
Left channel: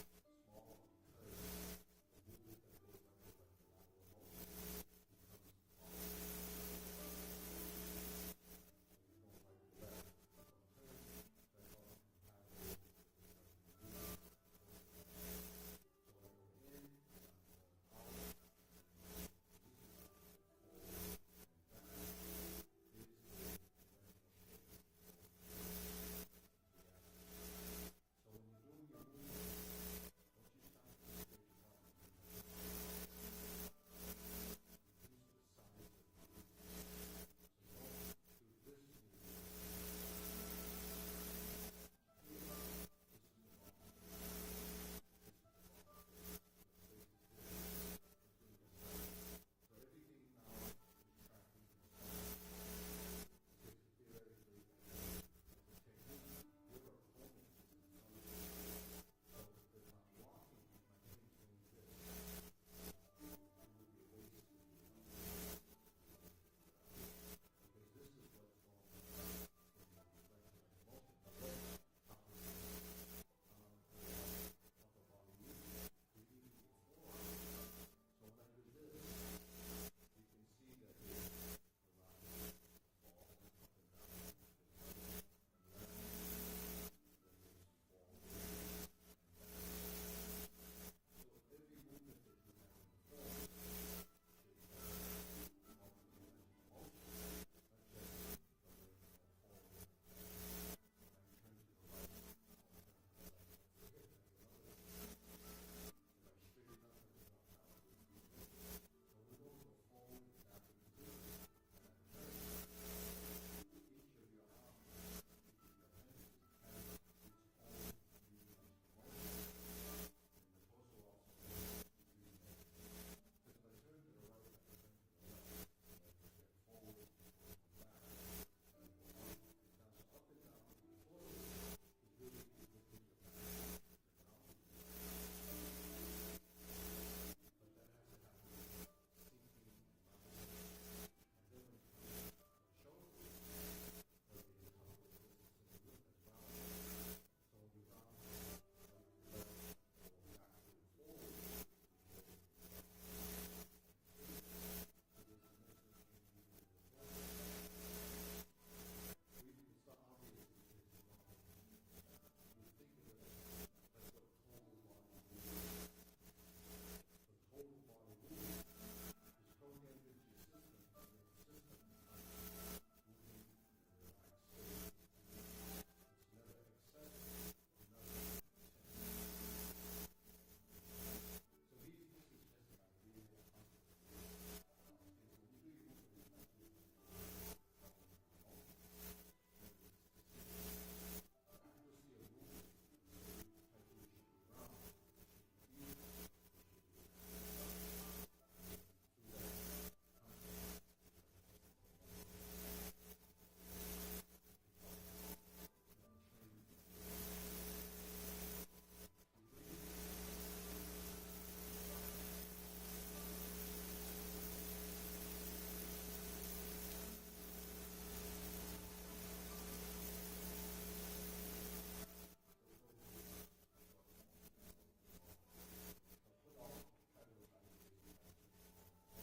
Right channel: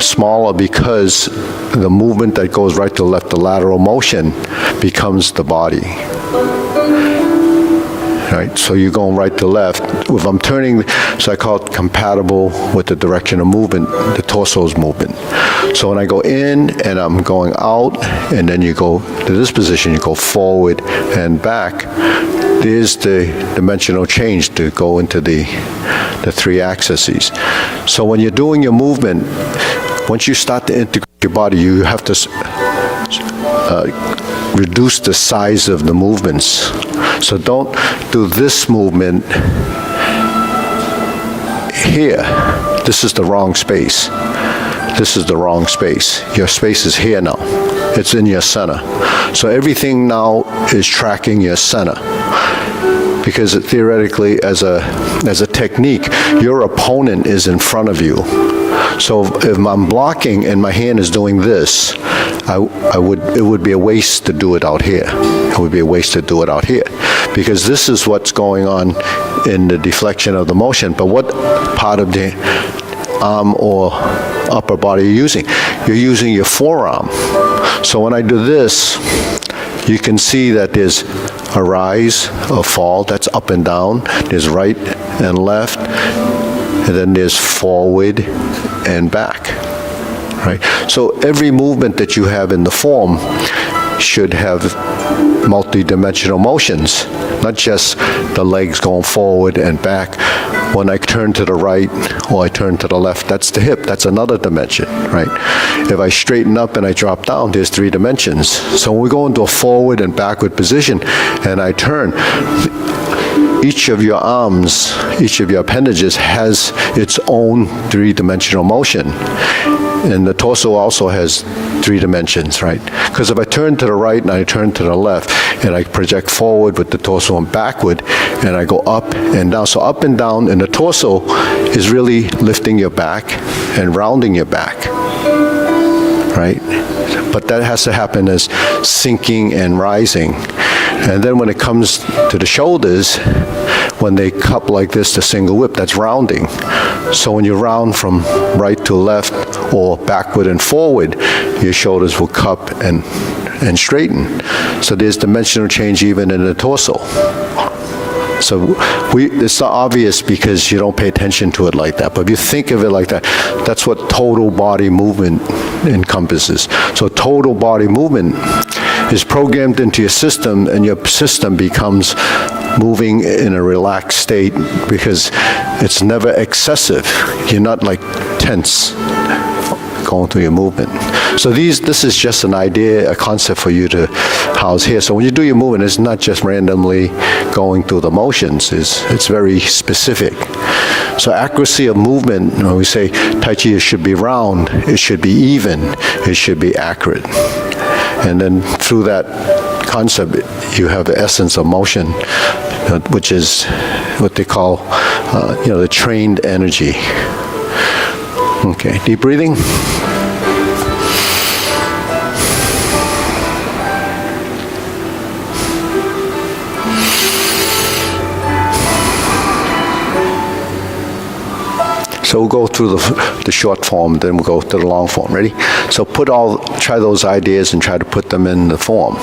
smaller because the movement that goes right to left, the lateral motion, becomes the body. Right? So you're going right to left. If I'm turning, so I call it compatible with the direction of movement, the torso's movement. So when I go in and I'm going out, and then you go to this position, you go forward and back, there's the dimensional change to go into the three axes. So when you're doing your movement, once you start to integrate your body, you have to reduce the size of the movements. So don't do this movement here. This is the wrong space. This is the wrong space. Your space is here now. It's in your center. So everything now is tracking your center. Because theoretically, as a technique, your opponent is in front of you. So if I'm blocking and my hand is doing this, it would be a waste to do it out here. It would be a waste to do it out here. Because this is what's going on in the deflection of the motion. But what part of the arm or upper body are you using? You're using your forearm. So when I do this, you can see that there's a rise, a fall, that's up and down. There's right and left, and then there's forward and back, right? So every movement that you have in the form should have multi-dimensional motions, not just the legs going forward and back. When I turn to the right or I turn to the left, that's the hip. That's another dimension, right? If I straighten up and I drop down, there's 3 dimensions. So when we go into a forward and backward position and I turn, each of your arms, each of your appendages has its own 3-dimensional motion. And the torso also has 3 dimensions, right? Because if I turn to the right and I turn to the left and I project forward with the torso and backward and I go up and down. So up and down in the torso is really lifting your back and rounding your back, right? But that has to happen as sinking and rising. And then when it comes to the shoulders, when they cup like this, the single whip, that's rounding. So when you round from right to left or backward and forward, your shoulders will cup and straighten. So there's dimensional change even in the torso. So it's not obvious because you don't pay attention to it like that. But if you think of it like that, that's what total body movement encompasses. So total body movement is programmed into your system, and your system becomes moving in a relaxed state because it's never excessive. You're not like tense going through your movement. So this is just an idea, a concept for you to house here. So when you do your movement, it's not just randomly going through the motions. It's very specific. So accuracy of movement, when we say Tai Chi should be round, it should be even, it should be accurate. And then through that concept, you have the essence of motion, which is what they call, the trained energy. Okay, deep breathing. So we'll go through the short form, then we'll go to the long form. Ready? So try those ideas and try to put them in the form.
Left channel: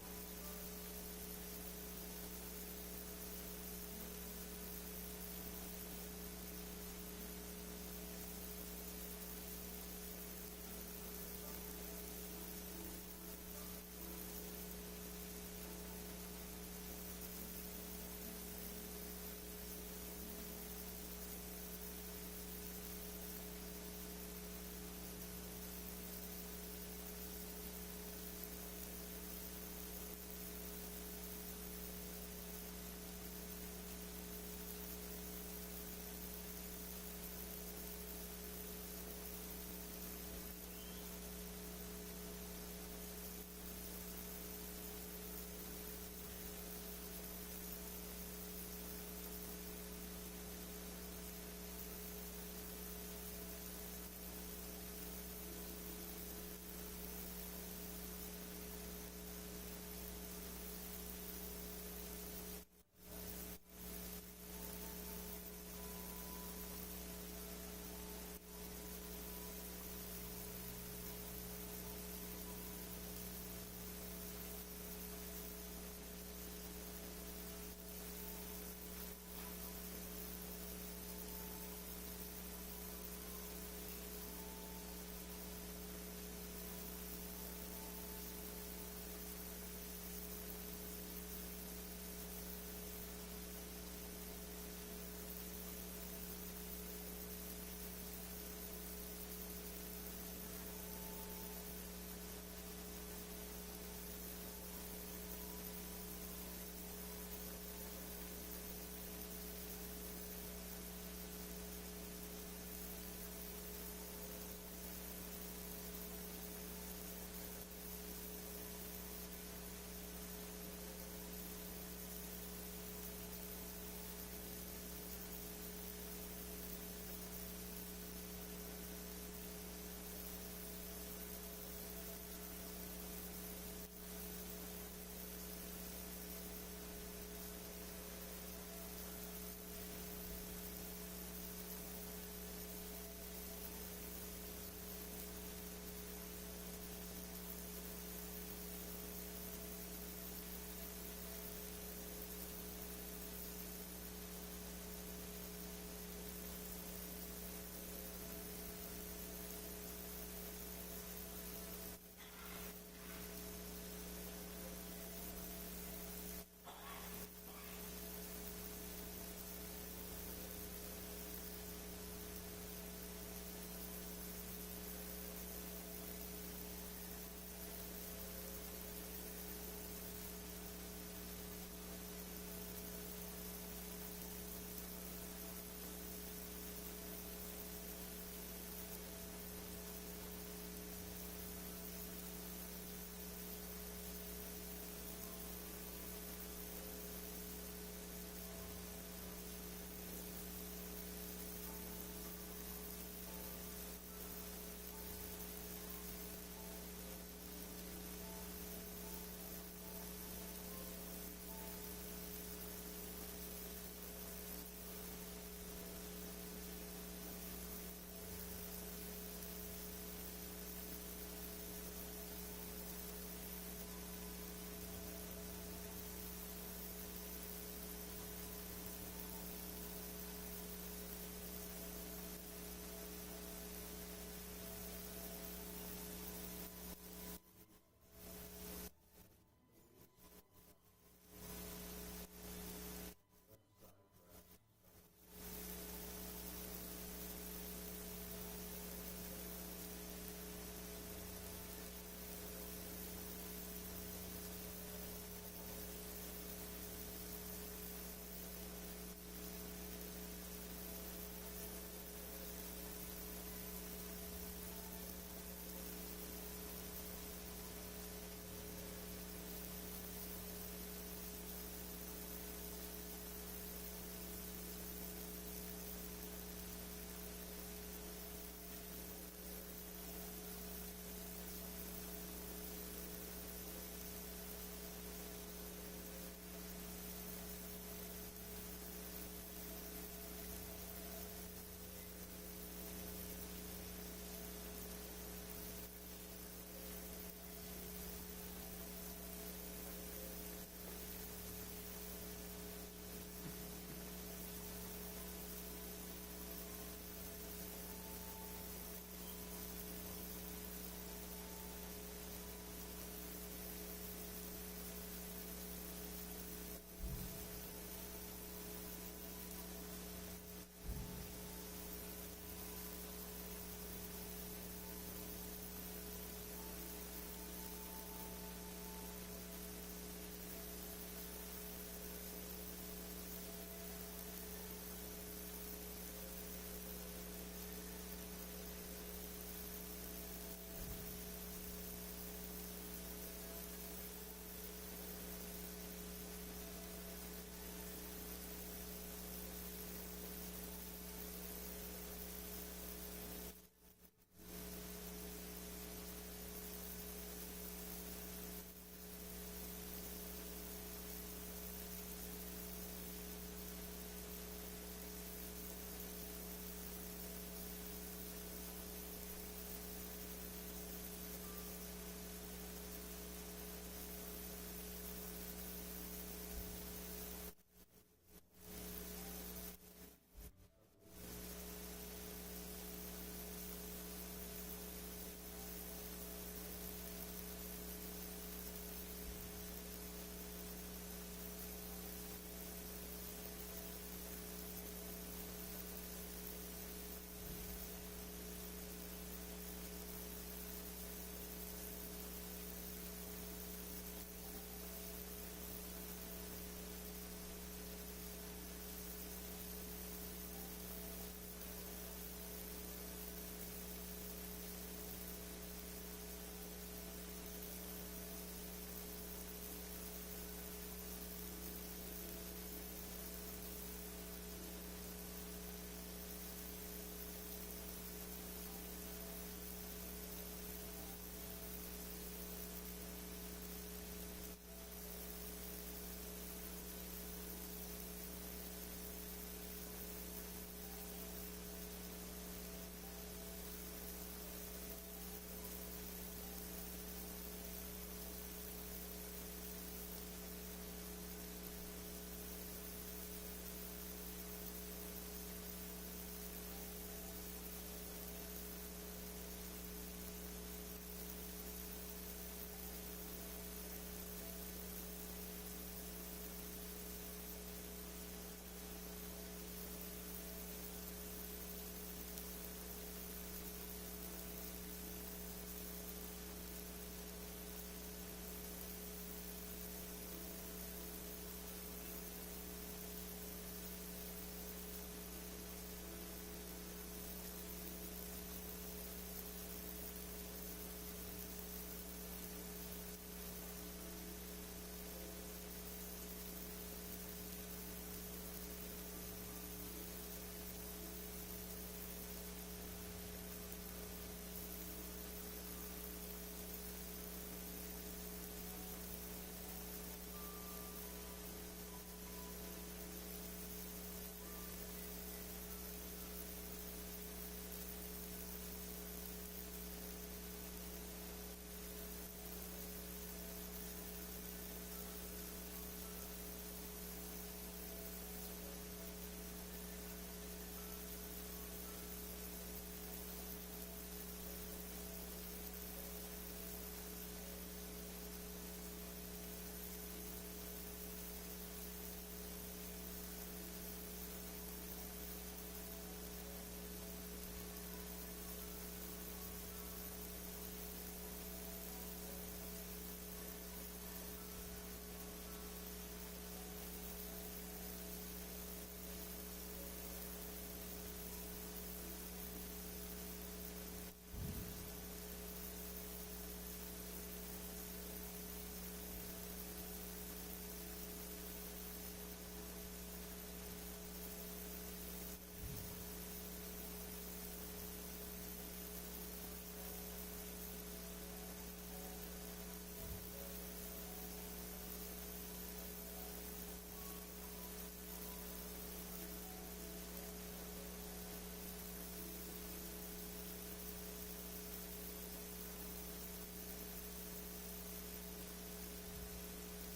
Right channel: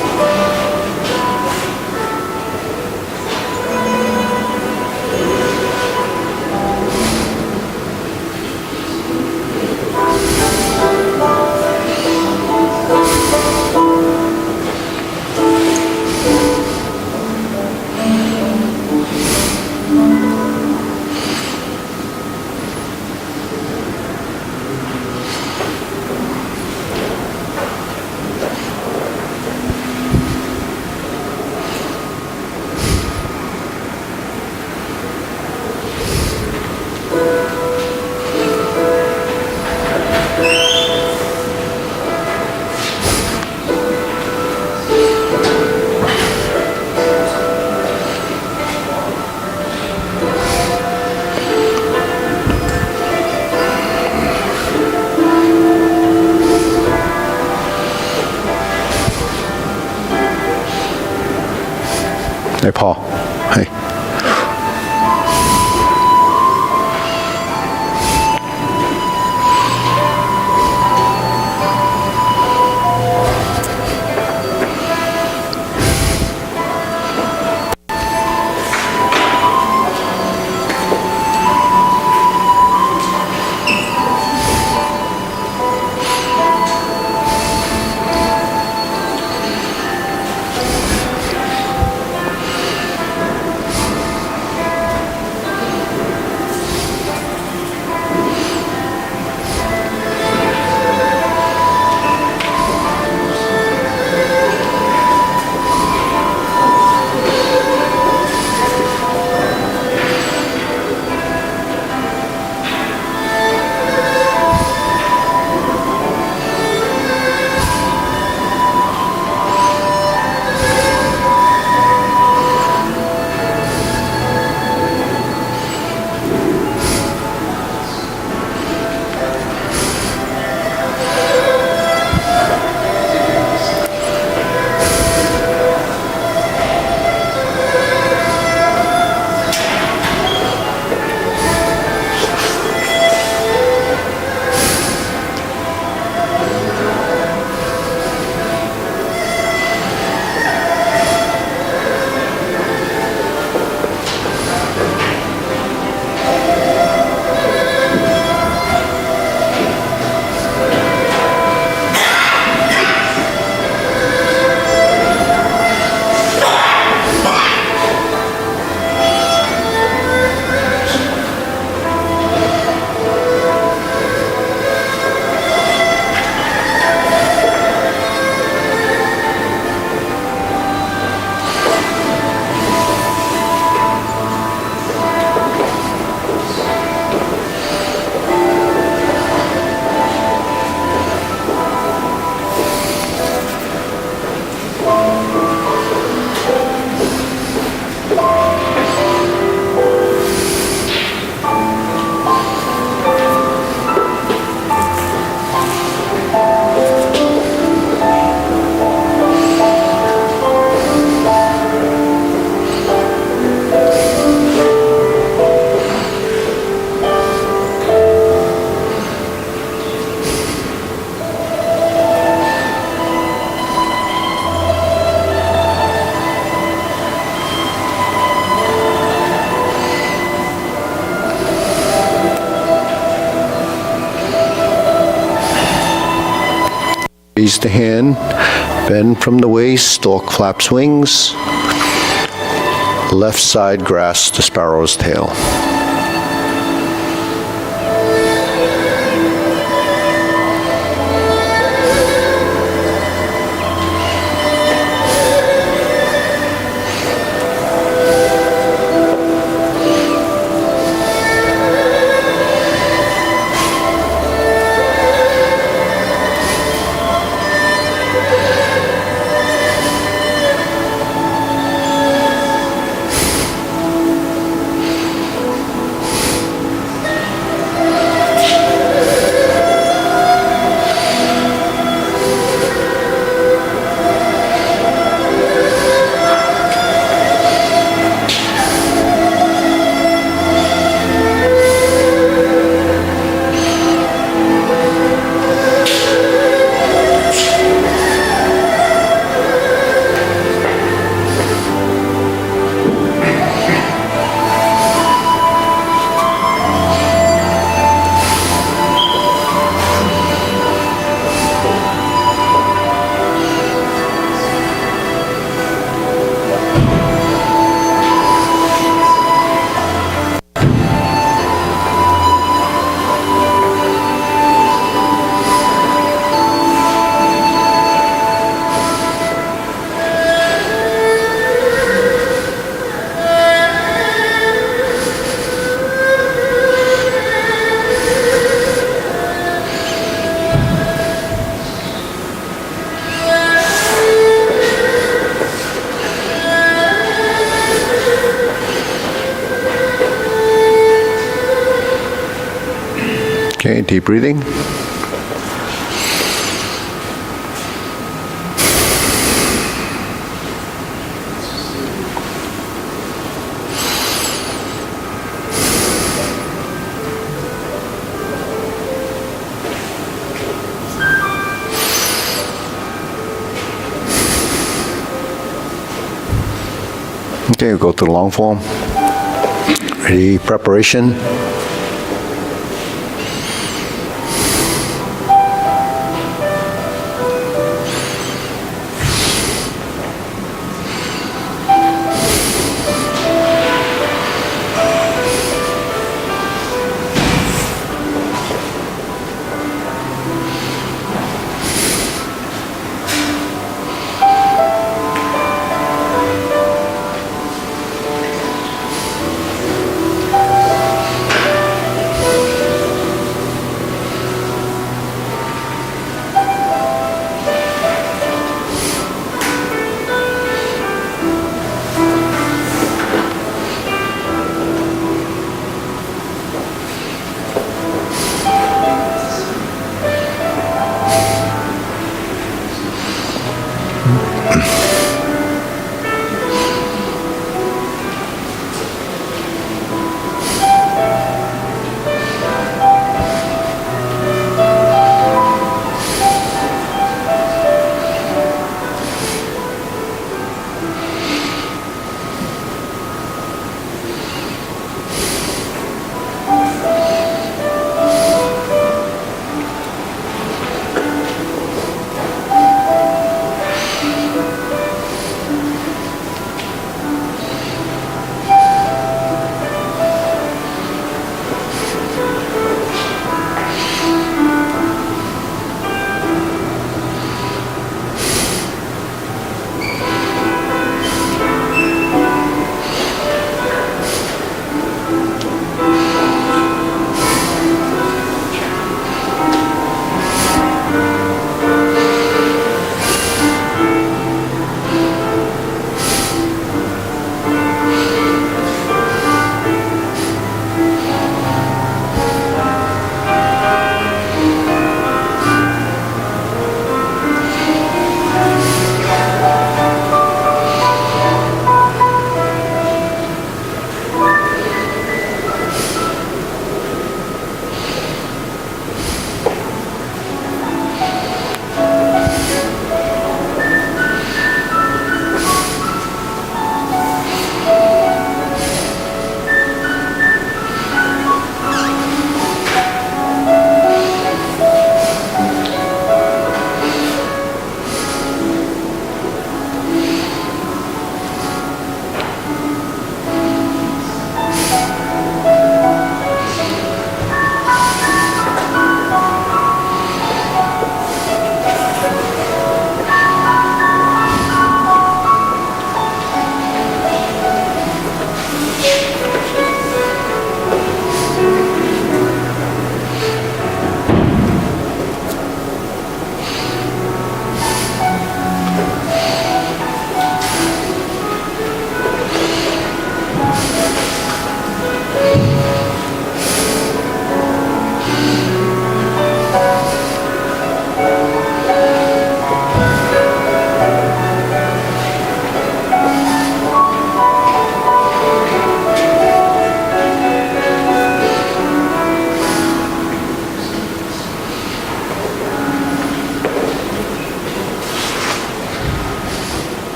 Hey, Paul. Hey. Raise the hand, bend from the waist, stork flaps wings. Left side grasps the sparrow's tail. Okay, deep breathing. Okay, we'll go to the long form. Ready, preparation.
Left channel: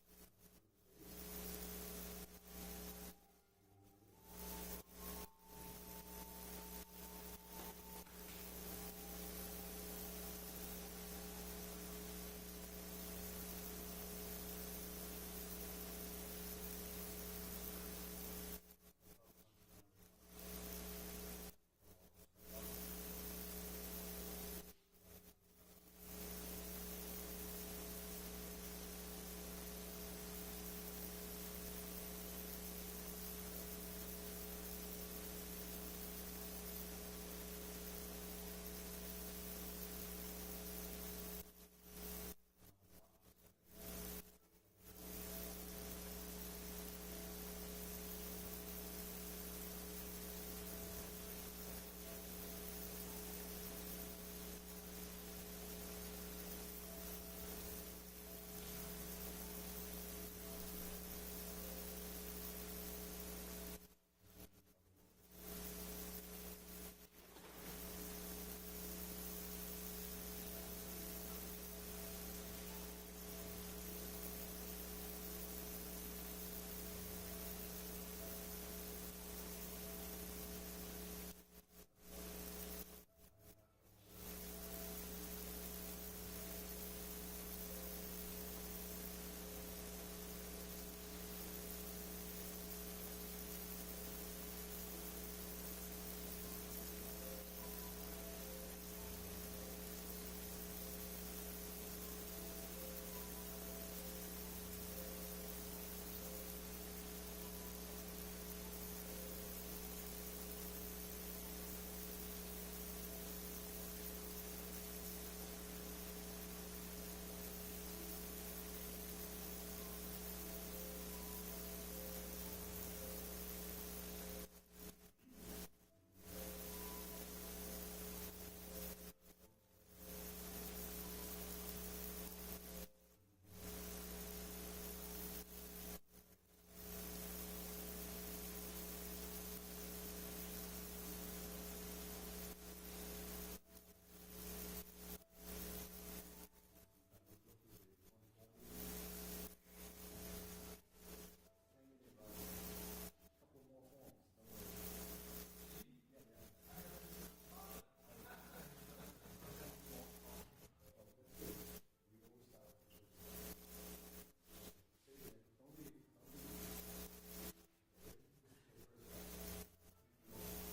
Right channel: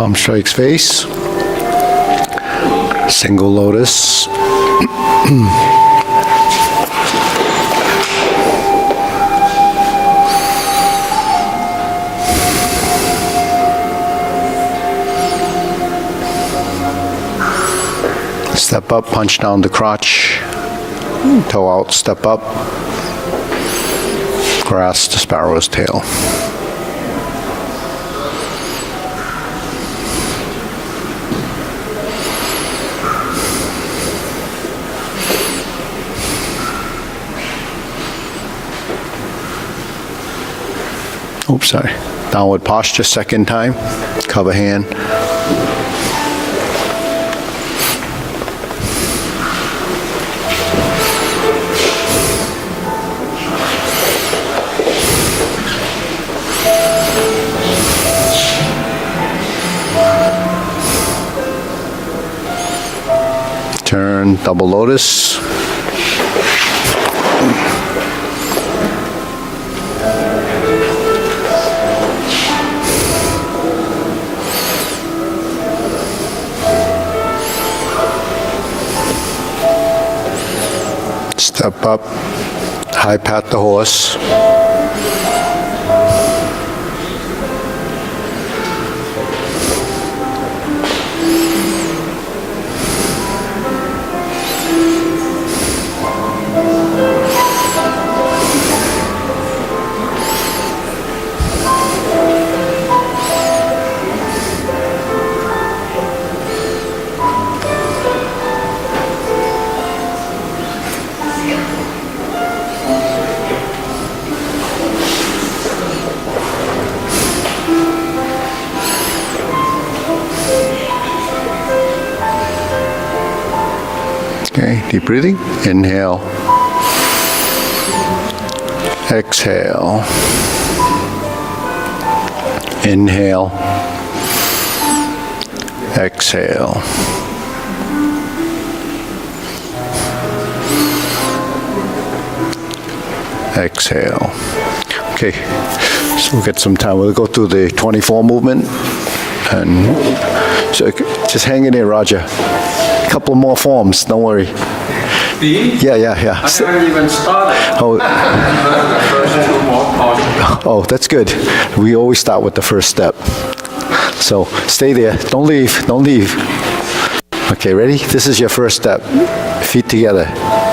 Palm strikes face. Single lotus. Step up, punch down the crotch. Toe out, step up. Grasp the sparrow's tail. Oops, sorry. Downward posture, second time. Cover hand. Turn, double lotus. Step up, high pat the horse. Okay, deep breathing. Inhale. Exhale. Inhale. Exhale. Exhale. Okay, so we'll get some time. We'll go through the 24 movement. And so just hang in there, Roger. A couple more forms, don't worry. Yeah. I haven't even started. Oh, The first two more parts. oh, that's good. We always start with the first step. So stay there. Don't leave. Don't leave. Okay, ready? This is your first step. Feet together.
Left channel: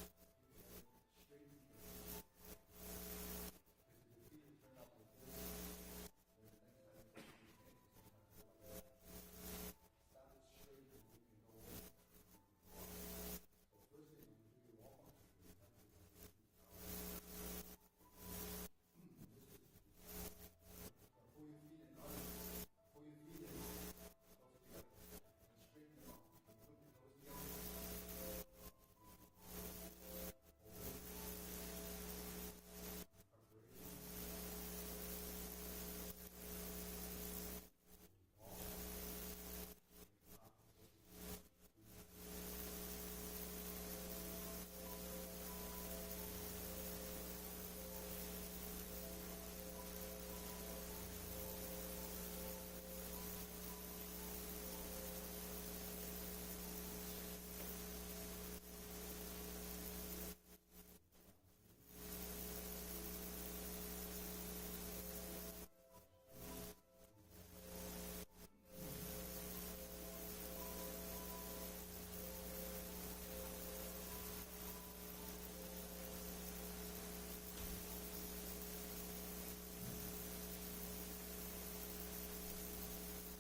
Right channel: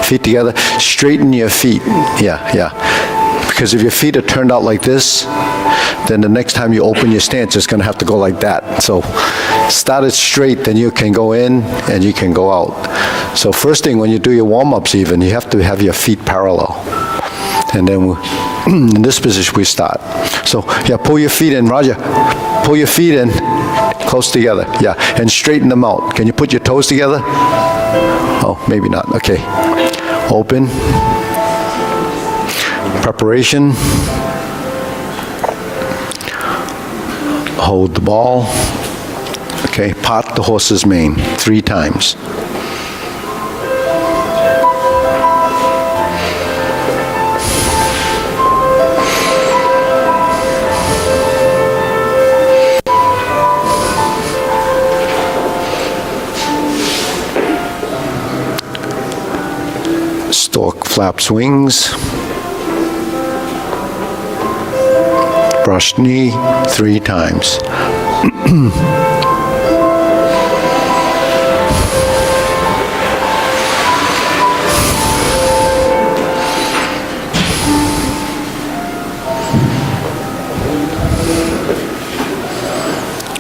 Feet together. Straighten your feet. Yeah. Because if your feet are turned out like this, then the next time you open your stance, it's going to have to go like that. So start it straight, then you can go in and you can go out. So first thing, when you do your warm-ups even, you have to have your feet parallel. And then in this position, we start. So yeah, pull your feet in, Roger. Pull your feet in close together, yeah. And straighten them out. Can you put your toes together? Oh, maybe not, okay. Open. Preparation. Hold the ball. Okay, pot the horse's mane 3 times. Stork flaps wings. Brush knee 3 times.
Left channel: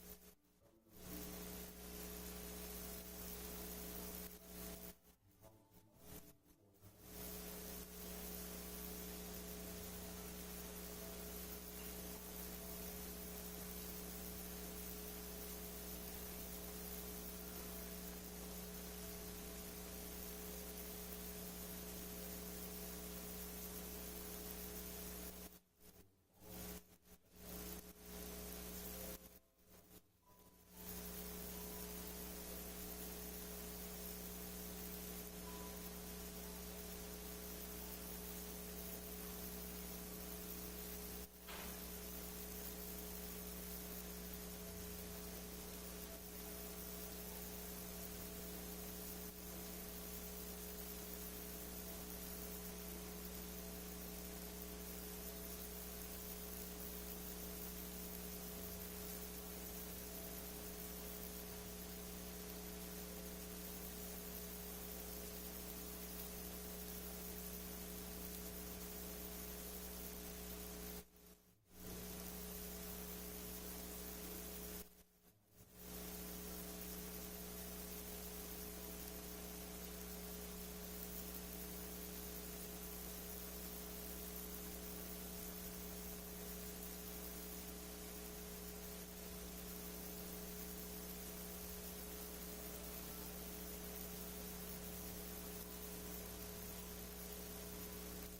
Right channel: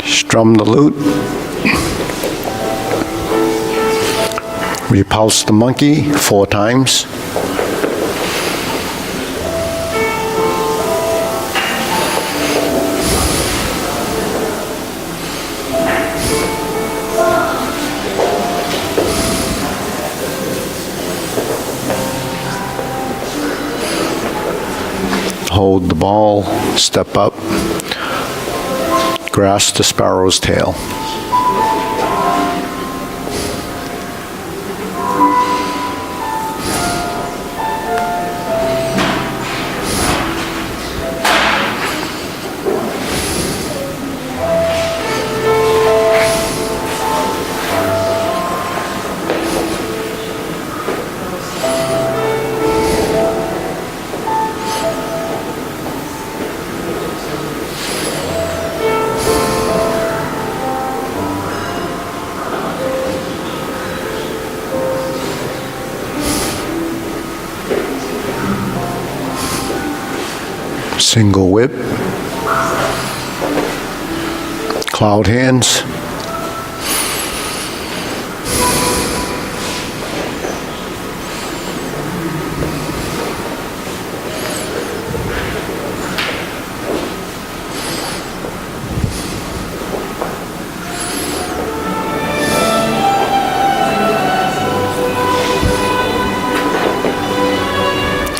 Strum the lute. Repulse the monkey 4 times. Hold the ball, step up, grasp the sparrow's tail. Single whip. Cloud hands.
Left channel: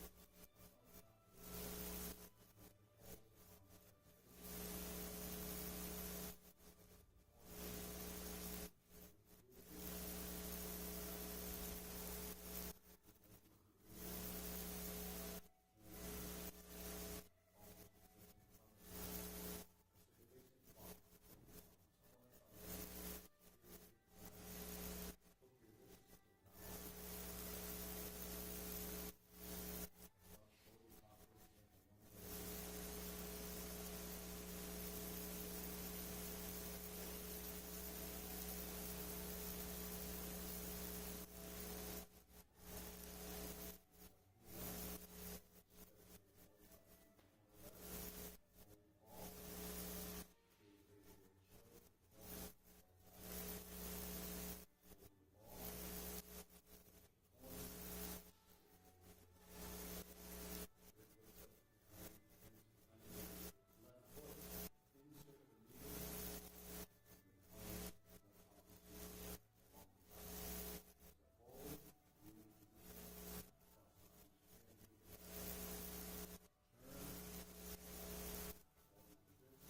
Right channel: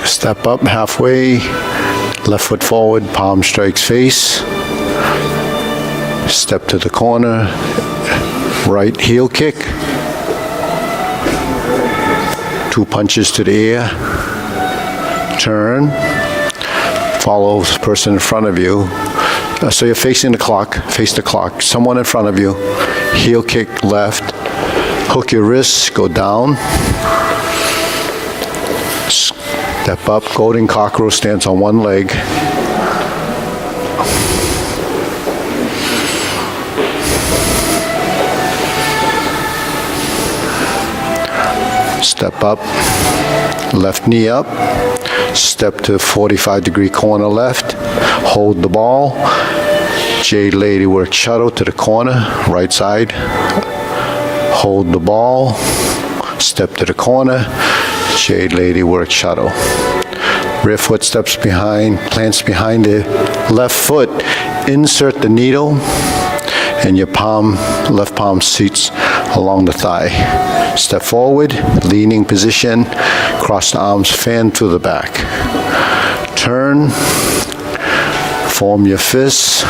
Step up halfway, left foot forward, palm strikes face. Step to the corner, right heel kick. 2 punches to the ear. Turn. Follow the person in front of you. So you're facing the clock, face the clock. Someone in front of you, heel kick left. Hook your wrists, go down. Step up, golden cockroach stance on one leg. Step up, left knee up. Step to 45-degree corner left. Hold the ball. Jade lady work shuttle to the corner, right side. Hold the ball. Step to the corner. Jade lady work shuttle. Rear foot steps behind, plants behind the left foot. Insert the needle, and your palm, left palm seats along the thigh. Step forward, leaning position, cross the arms, fan through the back. Turn, form your fists,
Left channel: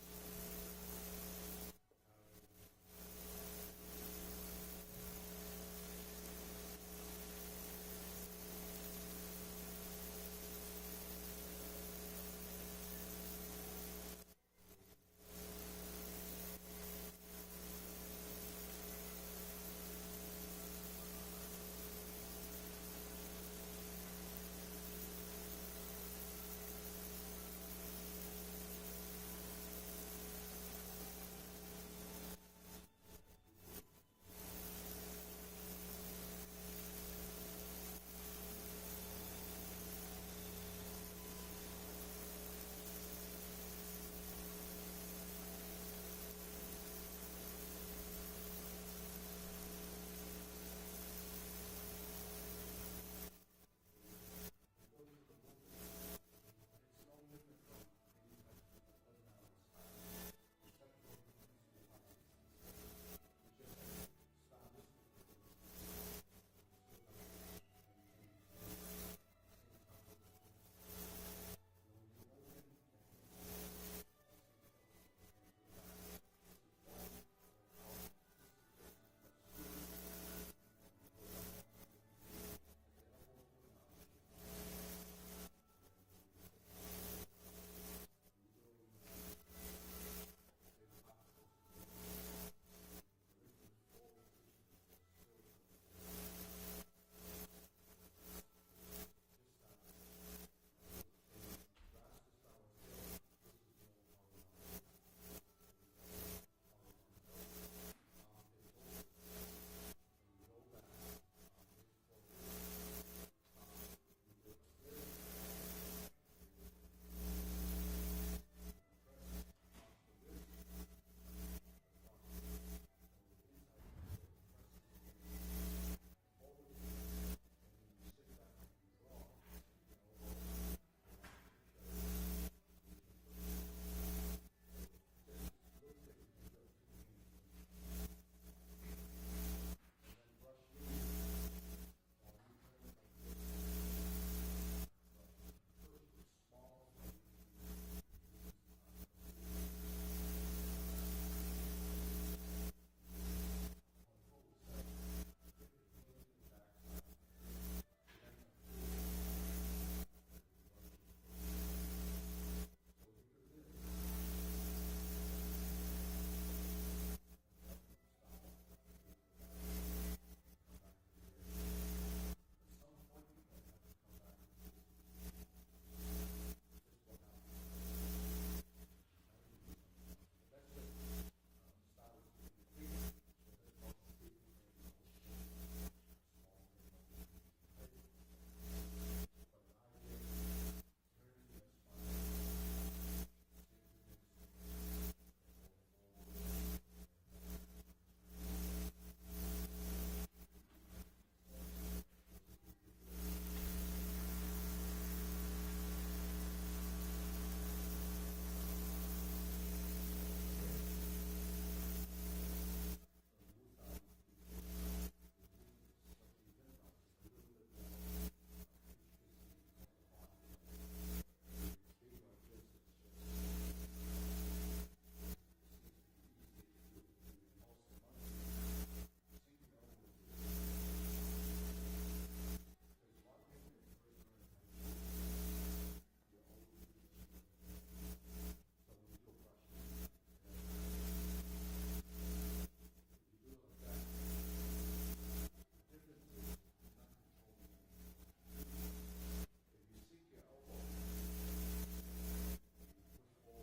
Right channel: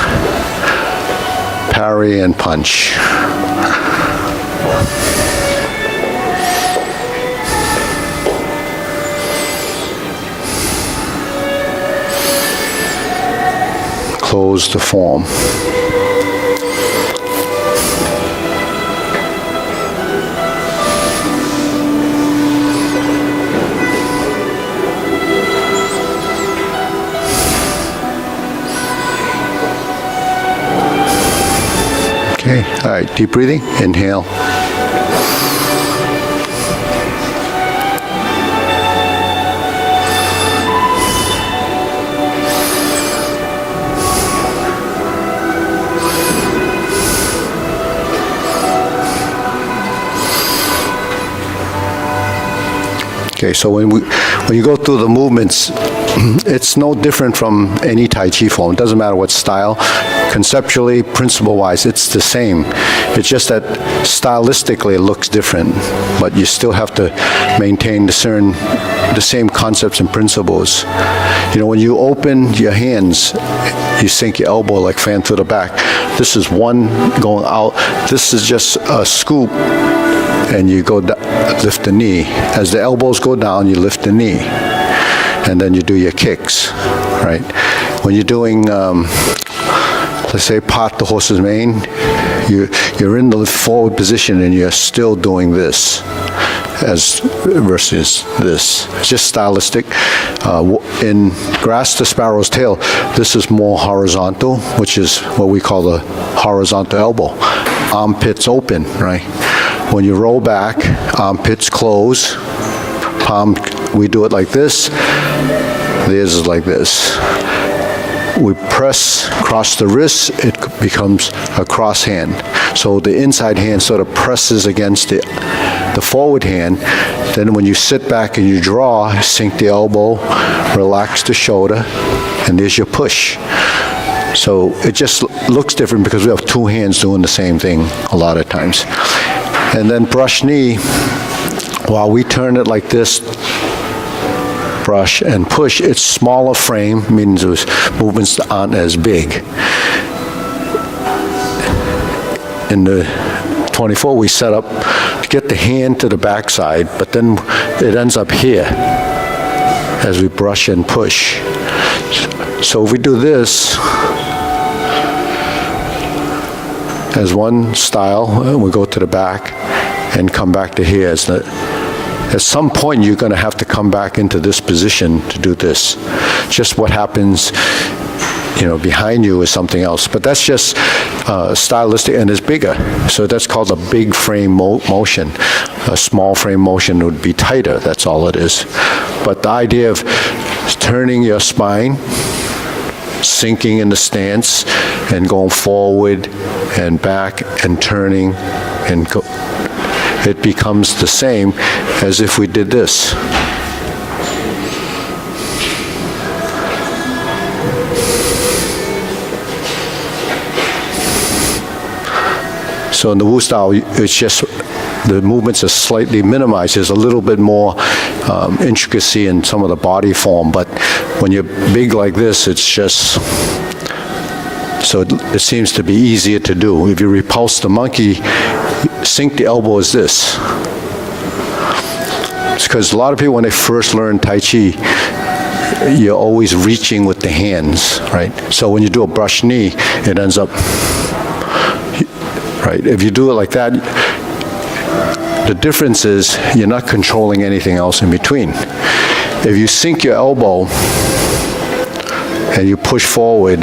parry and punch. Close the form. Okay, all right, deep breathing, inhale. Okay, so when you go through the movements, it's no different from any Tai Chi form. It doesn't matter what style. Conceptually, principle-wise, it's the same. It's just that stylistically it looks different, but you still have to maintain the same concepts and principles. You know, when you open your hands, you sink your elbow like fan to the back. This is one going out. This is just a scoop, and you go lift the knee. As the elbows go down, you lift the knee, and then you do your kicks, right? When you're doing, let's say, part the horse's mane, you're in the forward position and you're still doing this as versus this. It's just stylistic. In Grass the Sparrow's Tail, this is more horizontal, which is what we call the horizontal elbow. Armpits open, right? When you roll back, armpits close, palm, we do it like this, theirs is like this. We press across the wrist, it becomes a cross hand. So the inside hand sort of presses against the forward hand. Then when you sit back and you draw, sink the elbow, relax the shoulder, and there's your push. So it just looks different because we have two hands doing the same thing a lot of times. And then brush knee, while we turn it like this, brush and push, it's smaller frame, means those movements aren't as big. In the 24, we set up to get the hand to the backside, but then it ends up here as we brush and push. So if we do this as one style, we go to the back and come back to here. At some point, you're going to have to come back into this position to do this. Just what happens, behind you is something else. But that's just stylistic, and it's bigger. So that's called a big frame motion. A small frame motion would be tighter. That's all it is. But the idea of turning your spine, sinking in the stance and going forward and back and turning and go. It becomes the same as if we did this. So in the Wu style, it's just the movements are slightly minimized. There's a little bit more intricacy in some of the body form, but when you're big like this, it's just, so it seems to be easier to do. If you repulse the monkey, sink the elbow as this. It's because a lot of people, when they first learn Tai Chi, you're always reaching with the hands, right? So when you do a brush knee, it ends up, right? If you do it like that, the difference is you're not controlling anything else in between. If you sink your elbow and you push forward,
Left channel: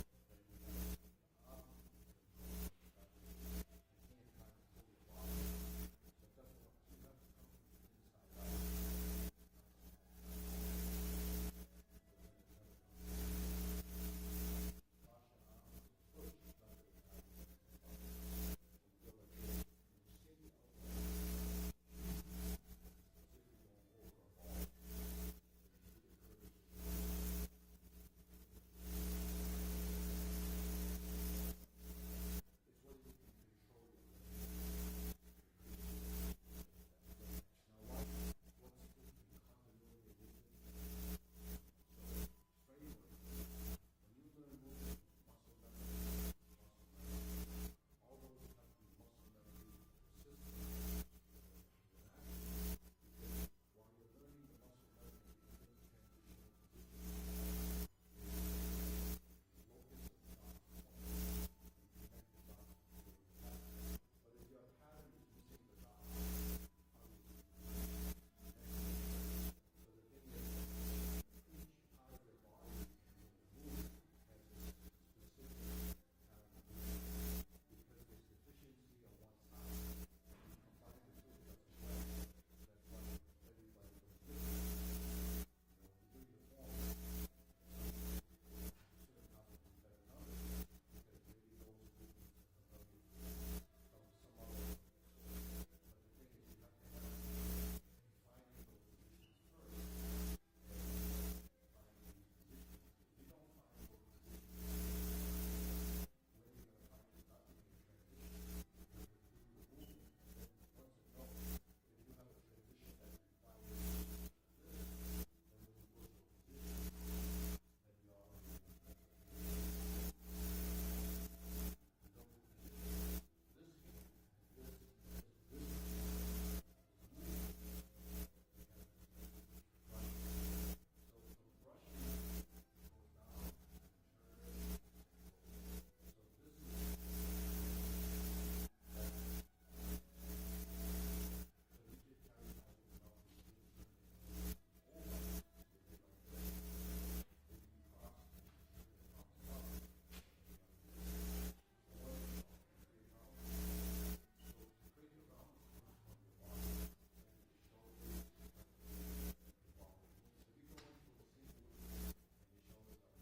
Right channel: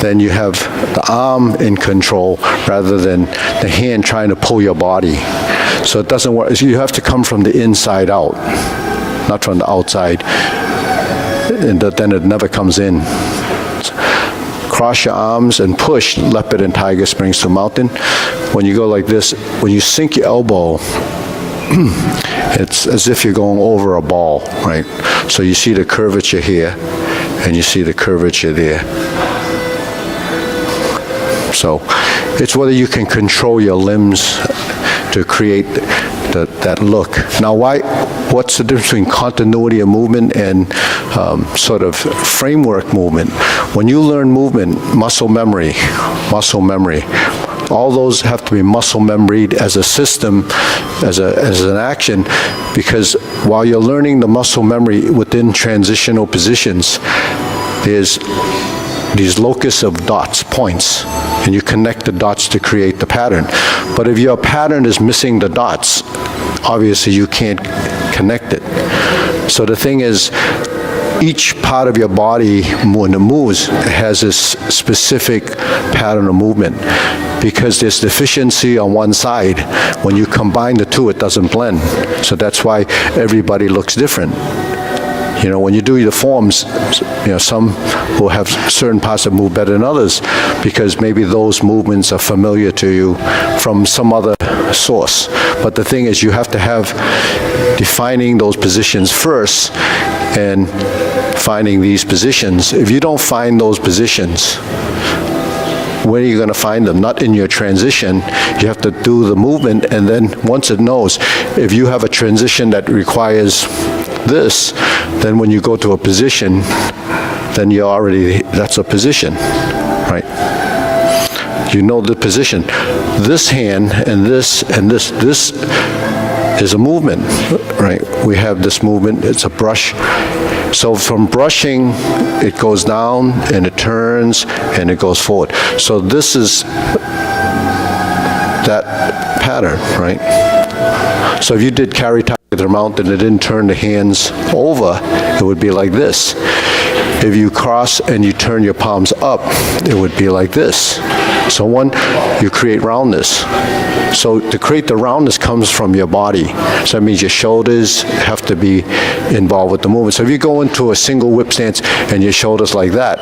then you have the arm in control rather than the hand trying to pull your body. So it doesn't work. You have to come from the inside out, not from the outside, and then it never comes in. Cross your arms and push leopard and tiger springs to mountain. When you go like this, when you sink your elbow, it's as if you're going over a ball, right? So you see the curvature here, and you see the curvature there. So it's whether you can control your limbs to create that look. Now, what's the difference between continuity of movement and sort of framework movement? When you learn movement, muscle memory, all those have to be muscle memoried as a system, as an action, because while you're learning the muscle memory within transitional positions, there's these locus of dots, points, and you connect the dots to create the pattern. But if your pattern is missing the dots, obviously you can't connect it. So the thing is, each part of your body, when it moves, has this specific pattern of movement. Because there's deficiency on one side, when you combine the two, it doesn't blend. So that's why everybody looks different. You know, when you do the forms, you know, some will have certain parts that move better than others because maybe those movements are familiar to you from some other source. But the thing is, you have to have defining those positions first and finding these positions. If you don't find those positions, where are you going to find them? Not in your transition. You have to do the movement, and then once it knows, if you have a transition that requires this, then when you go to a position, then you're already, that's a position, right? You know the position. This hand and this is a movement, right? We have this movement, it's a brush. So from brushing, it goes down and it turns and it goes forward. So this is that pattern, right? So if you did carry tiger to the mountain and it didn't turn the hands over, it would be like this. If you cross and you turn your palms up, it would be like this. So one, you create roundness. So to create the roundness comes from your body. So that means your shoulders have to be involved with the movement. So if you go into a single whip stance and your shoulders like that,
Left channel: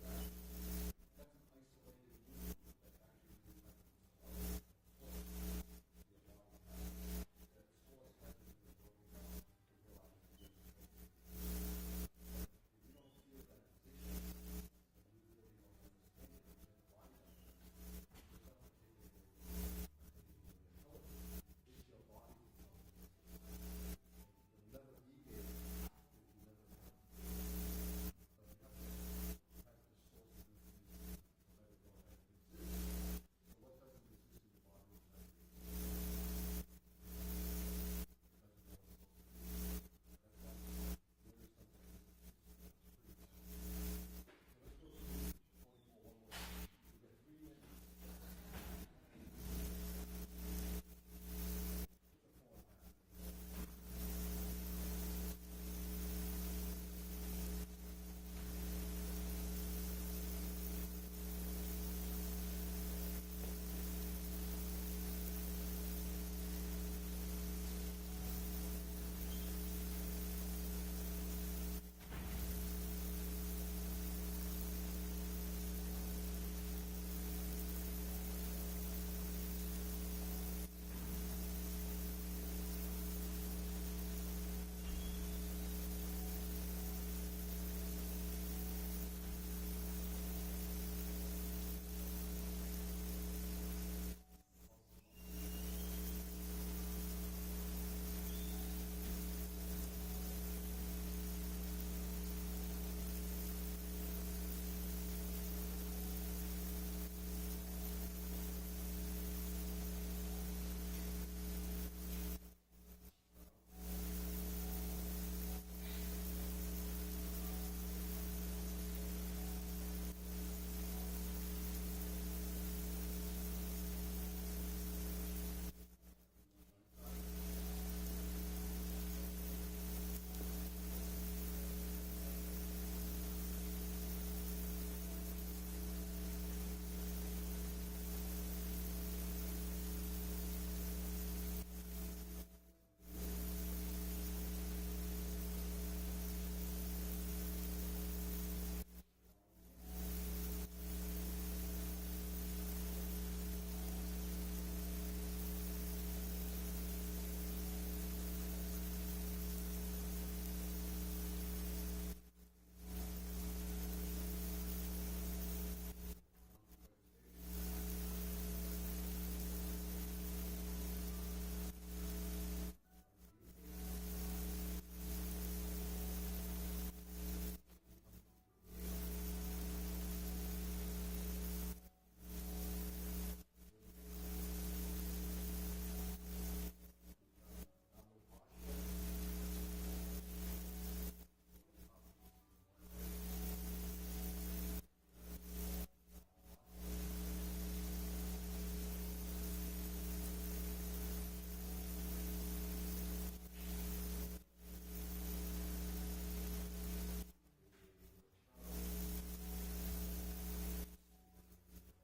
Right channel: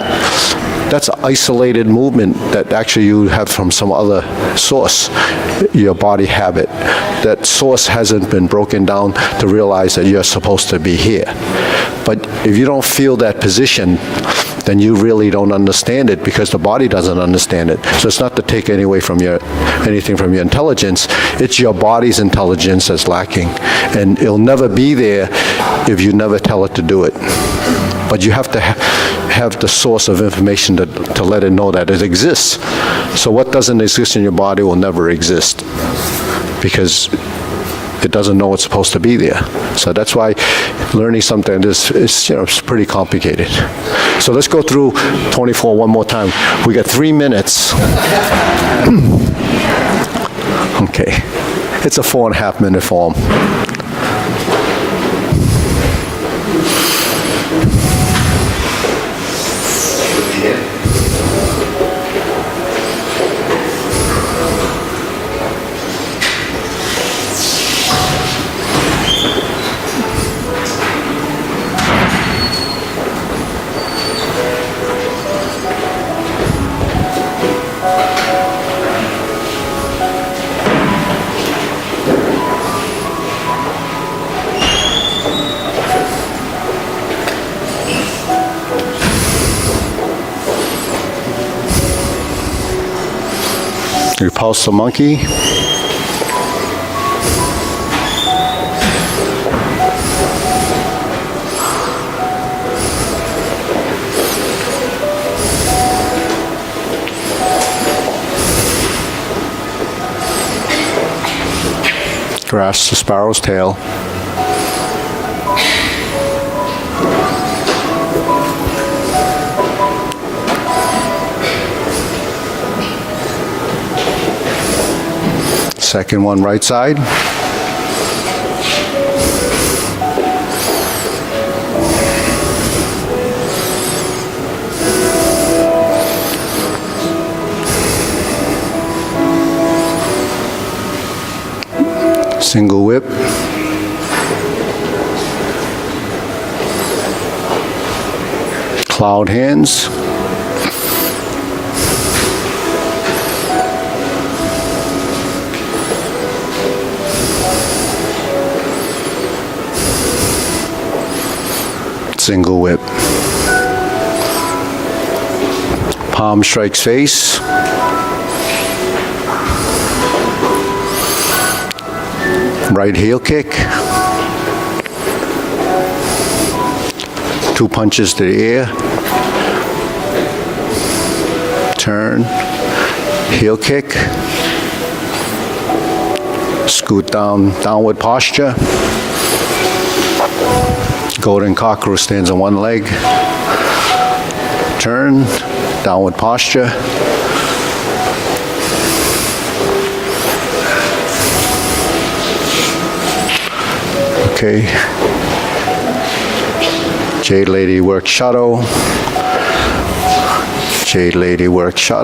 that's an isolated movement that actually you have from some other source, your body habit. That source hasn't been broken down to realize that you're supposed to be here. But if you don't feel that position, then you really don't understand it because the body doesn't understand it. So it's not to take anything from your intelligence. It's your body's intelligence that's lacking. And it'll never be there if you never tell it to do it. But you have to have the source of information to let it know that it exists. So what doesn't exist in your body will never exist because it doesn't know it's supposed to be there. So that's why learning something is it's pretty complicated. So let's go through 24 one more time. We got 3 minutes. Okay. It's a 4.5 minute form. Repulse the monkey. Grasp the sparrow's tail. Second one, right side. Single whip. Cloud hands. Single whip. Palm strikes face. Right heel kick. Two punches to the air. Turn. Heel kick. Scoot down, downward posture. Golden cockerel stands on one leg. Turn, downward posture. Okay. Jade Lady work shadow. Jade Lady work shadow.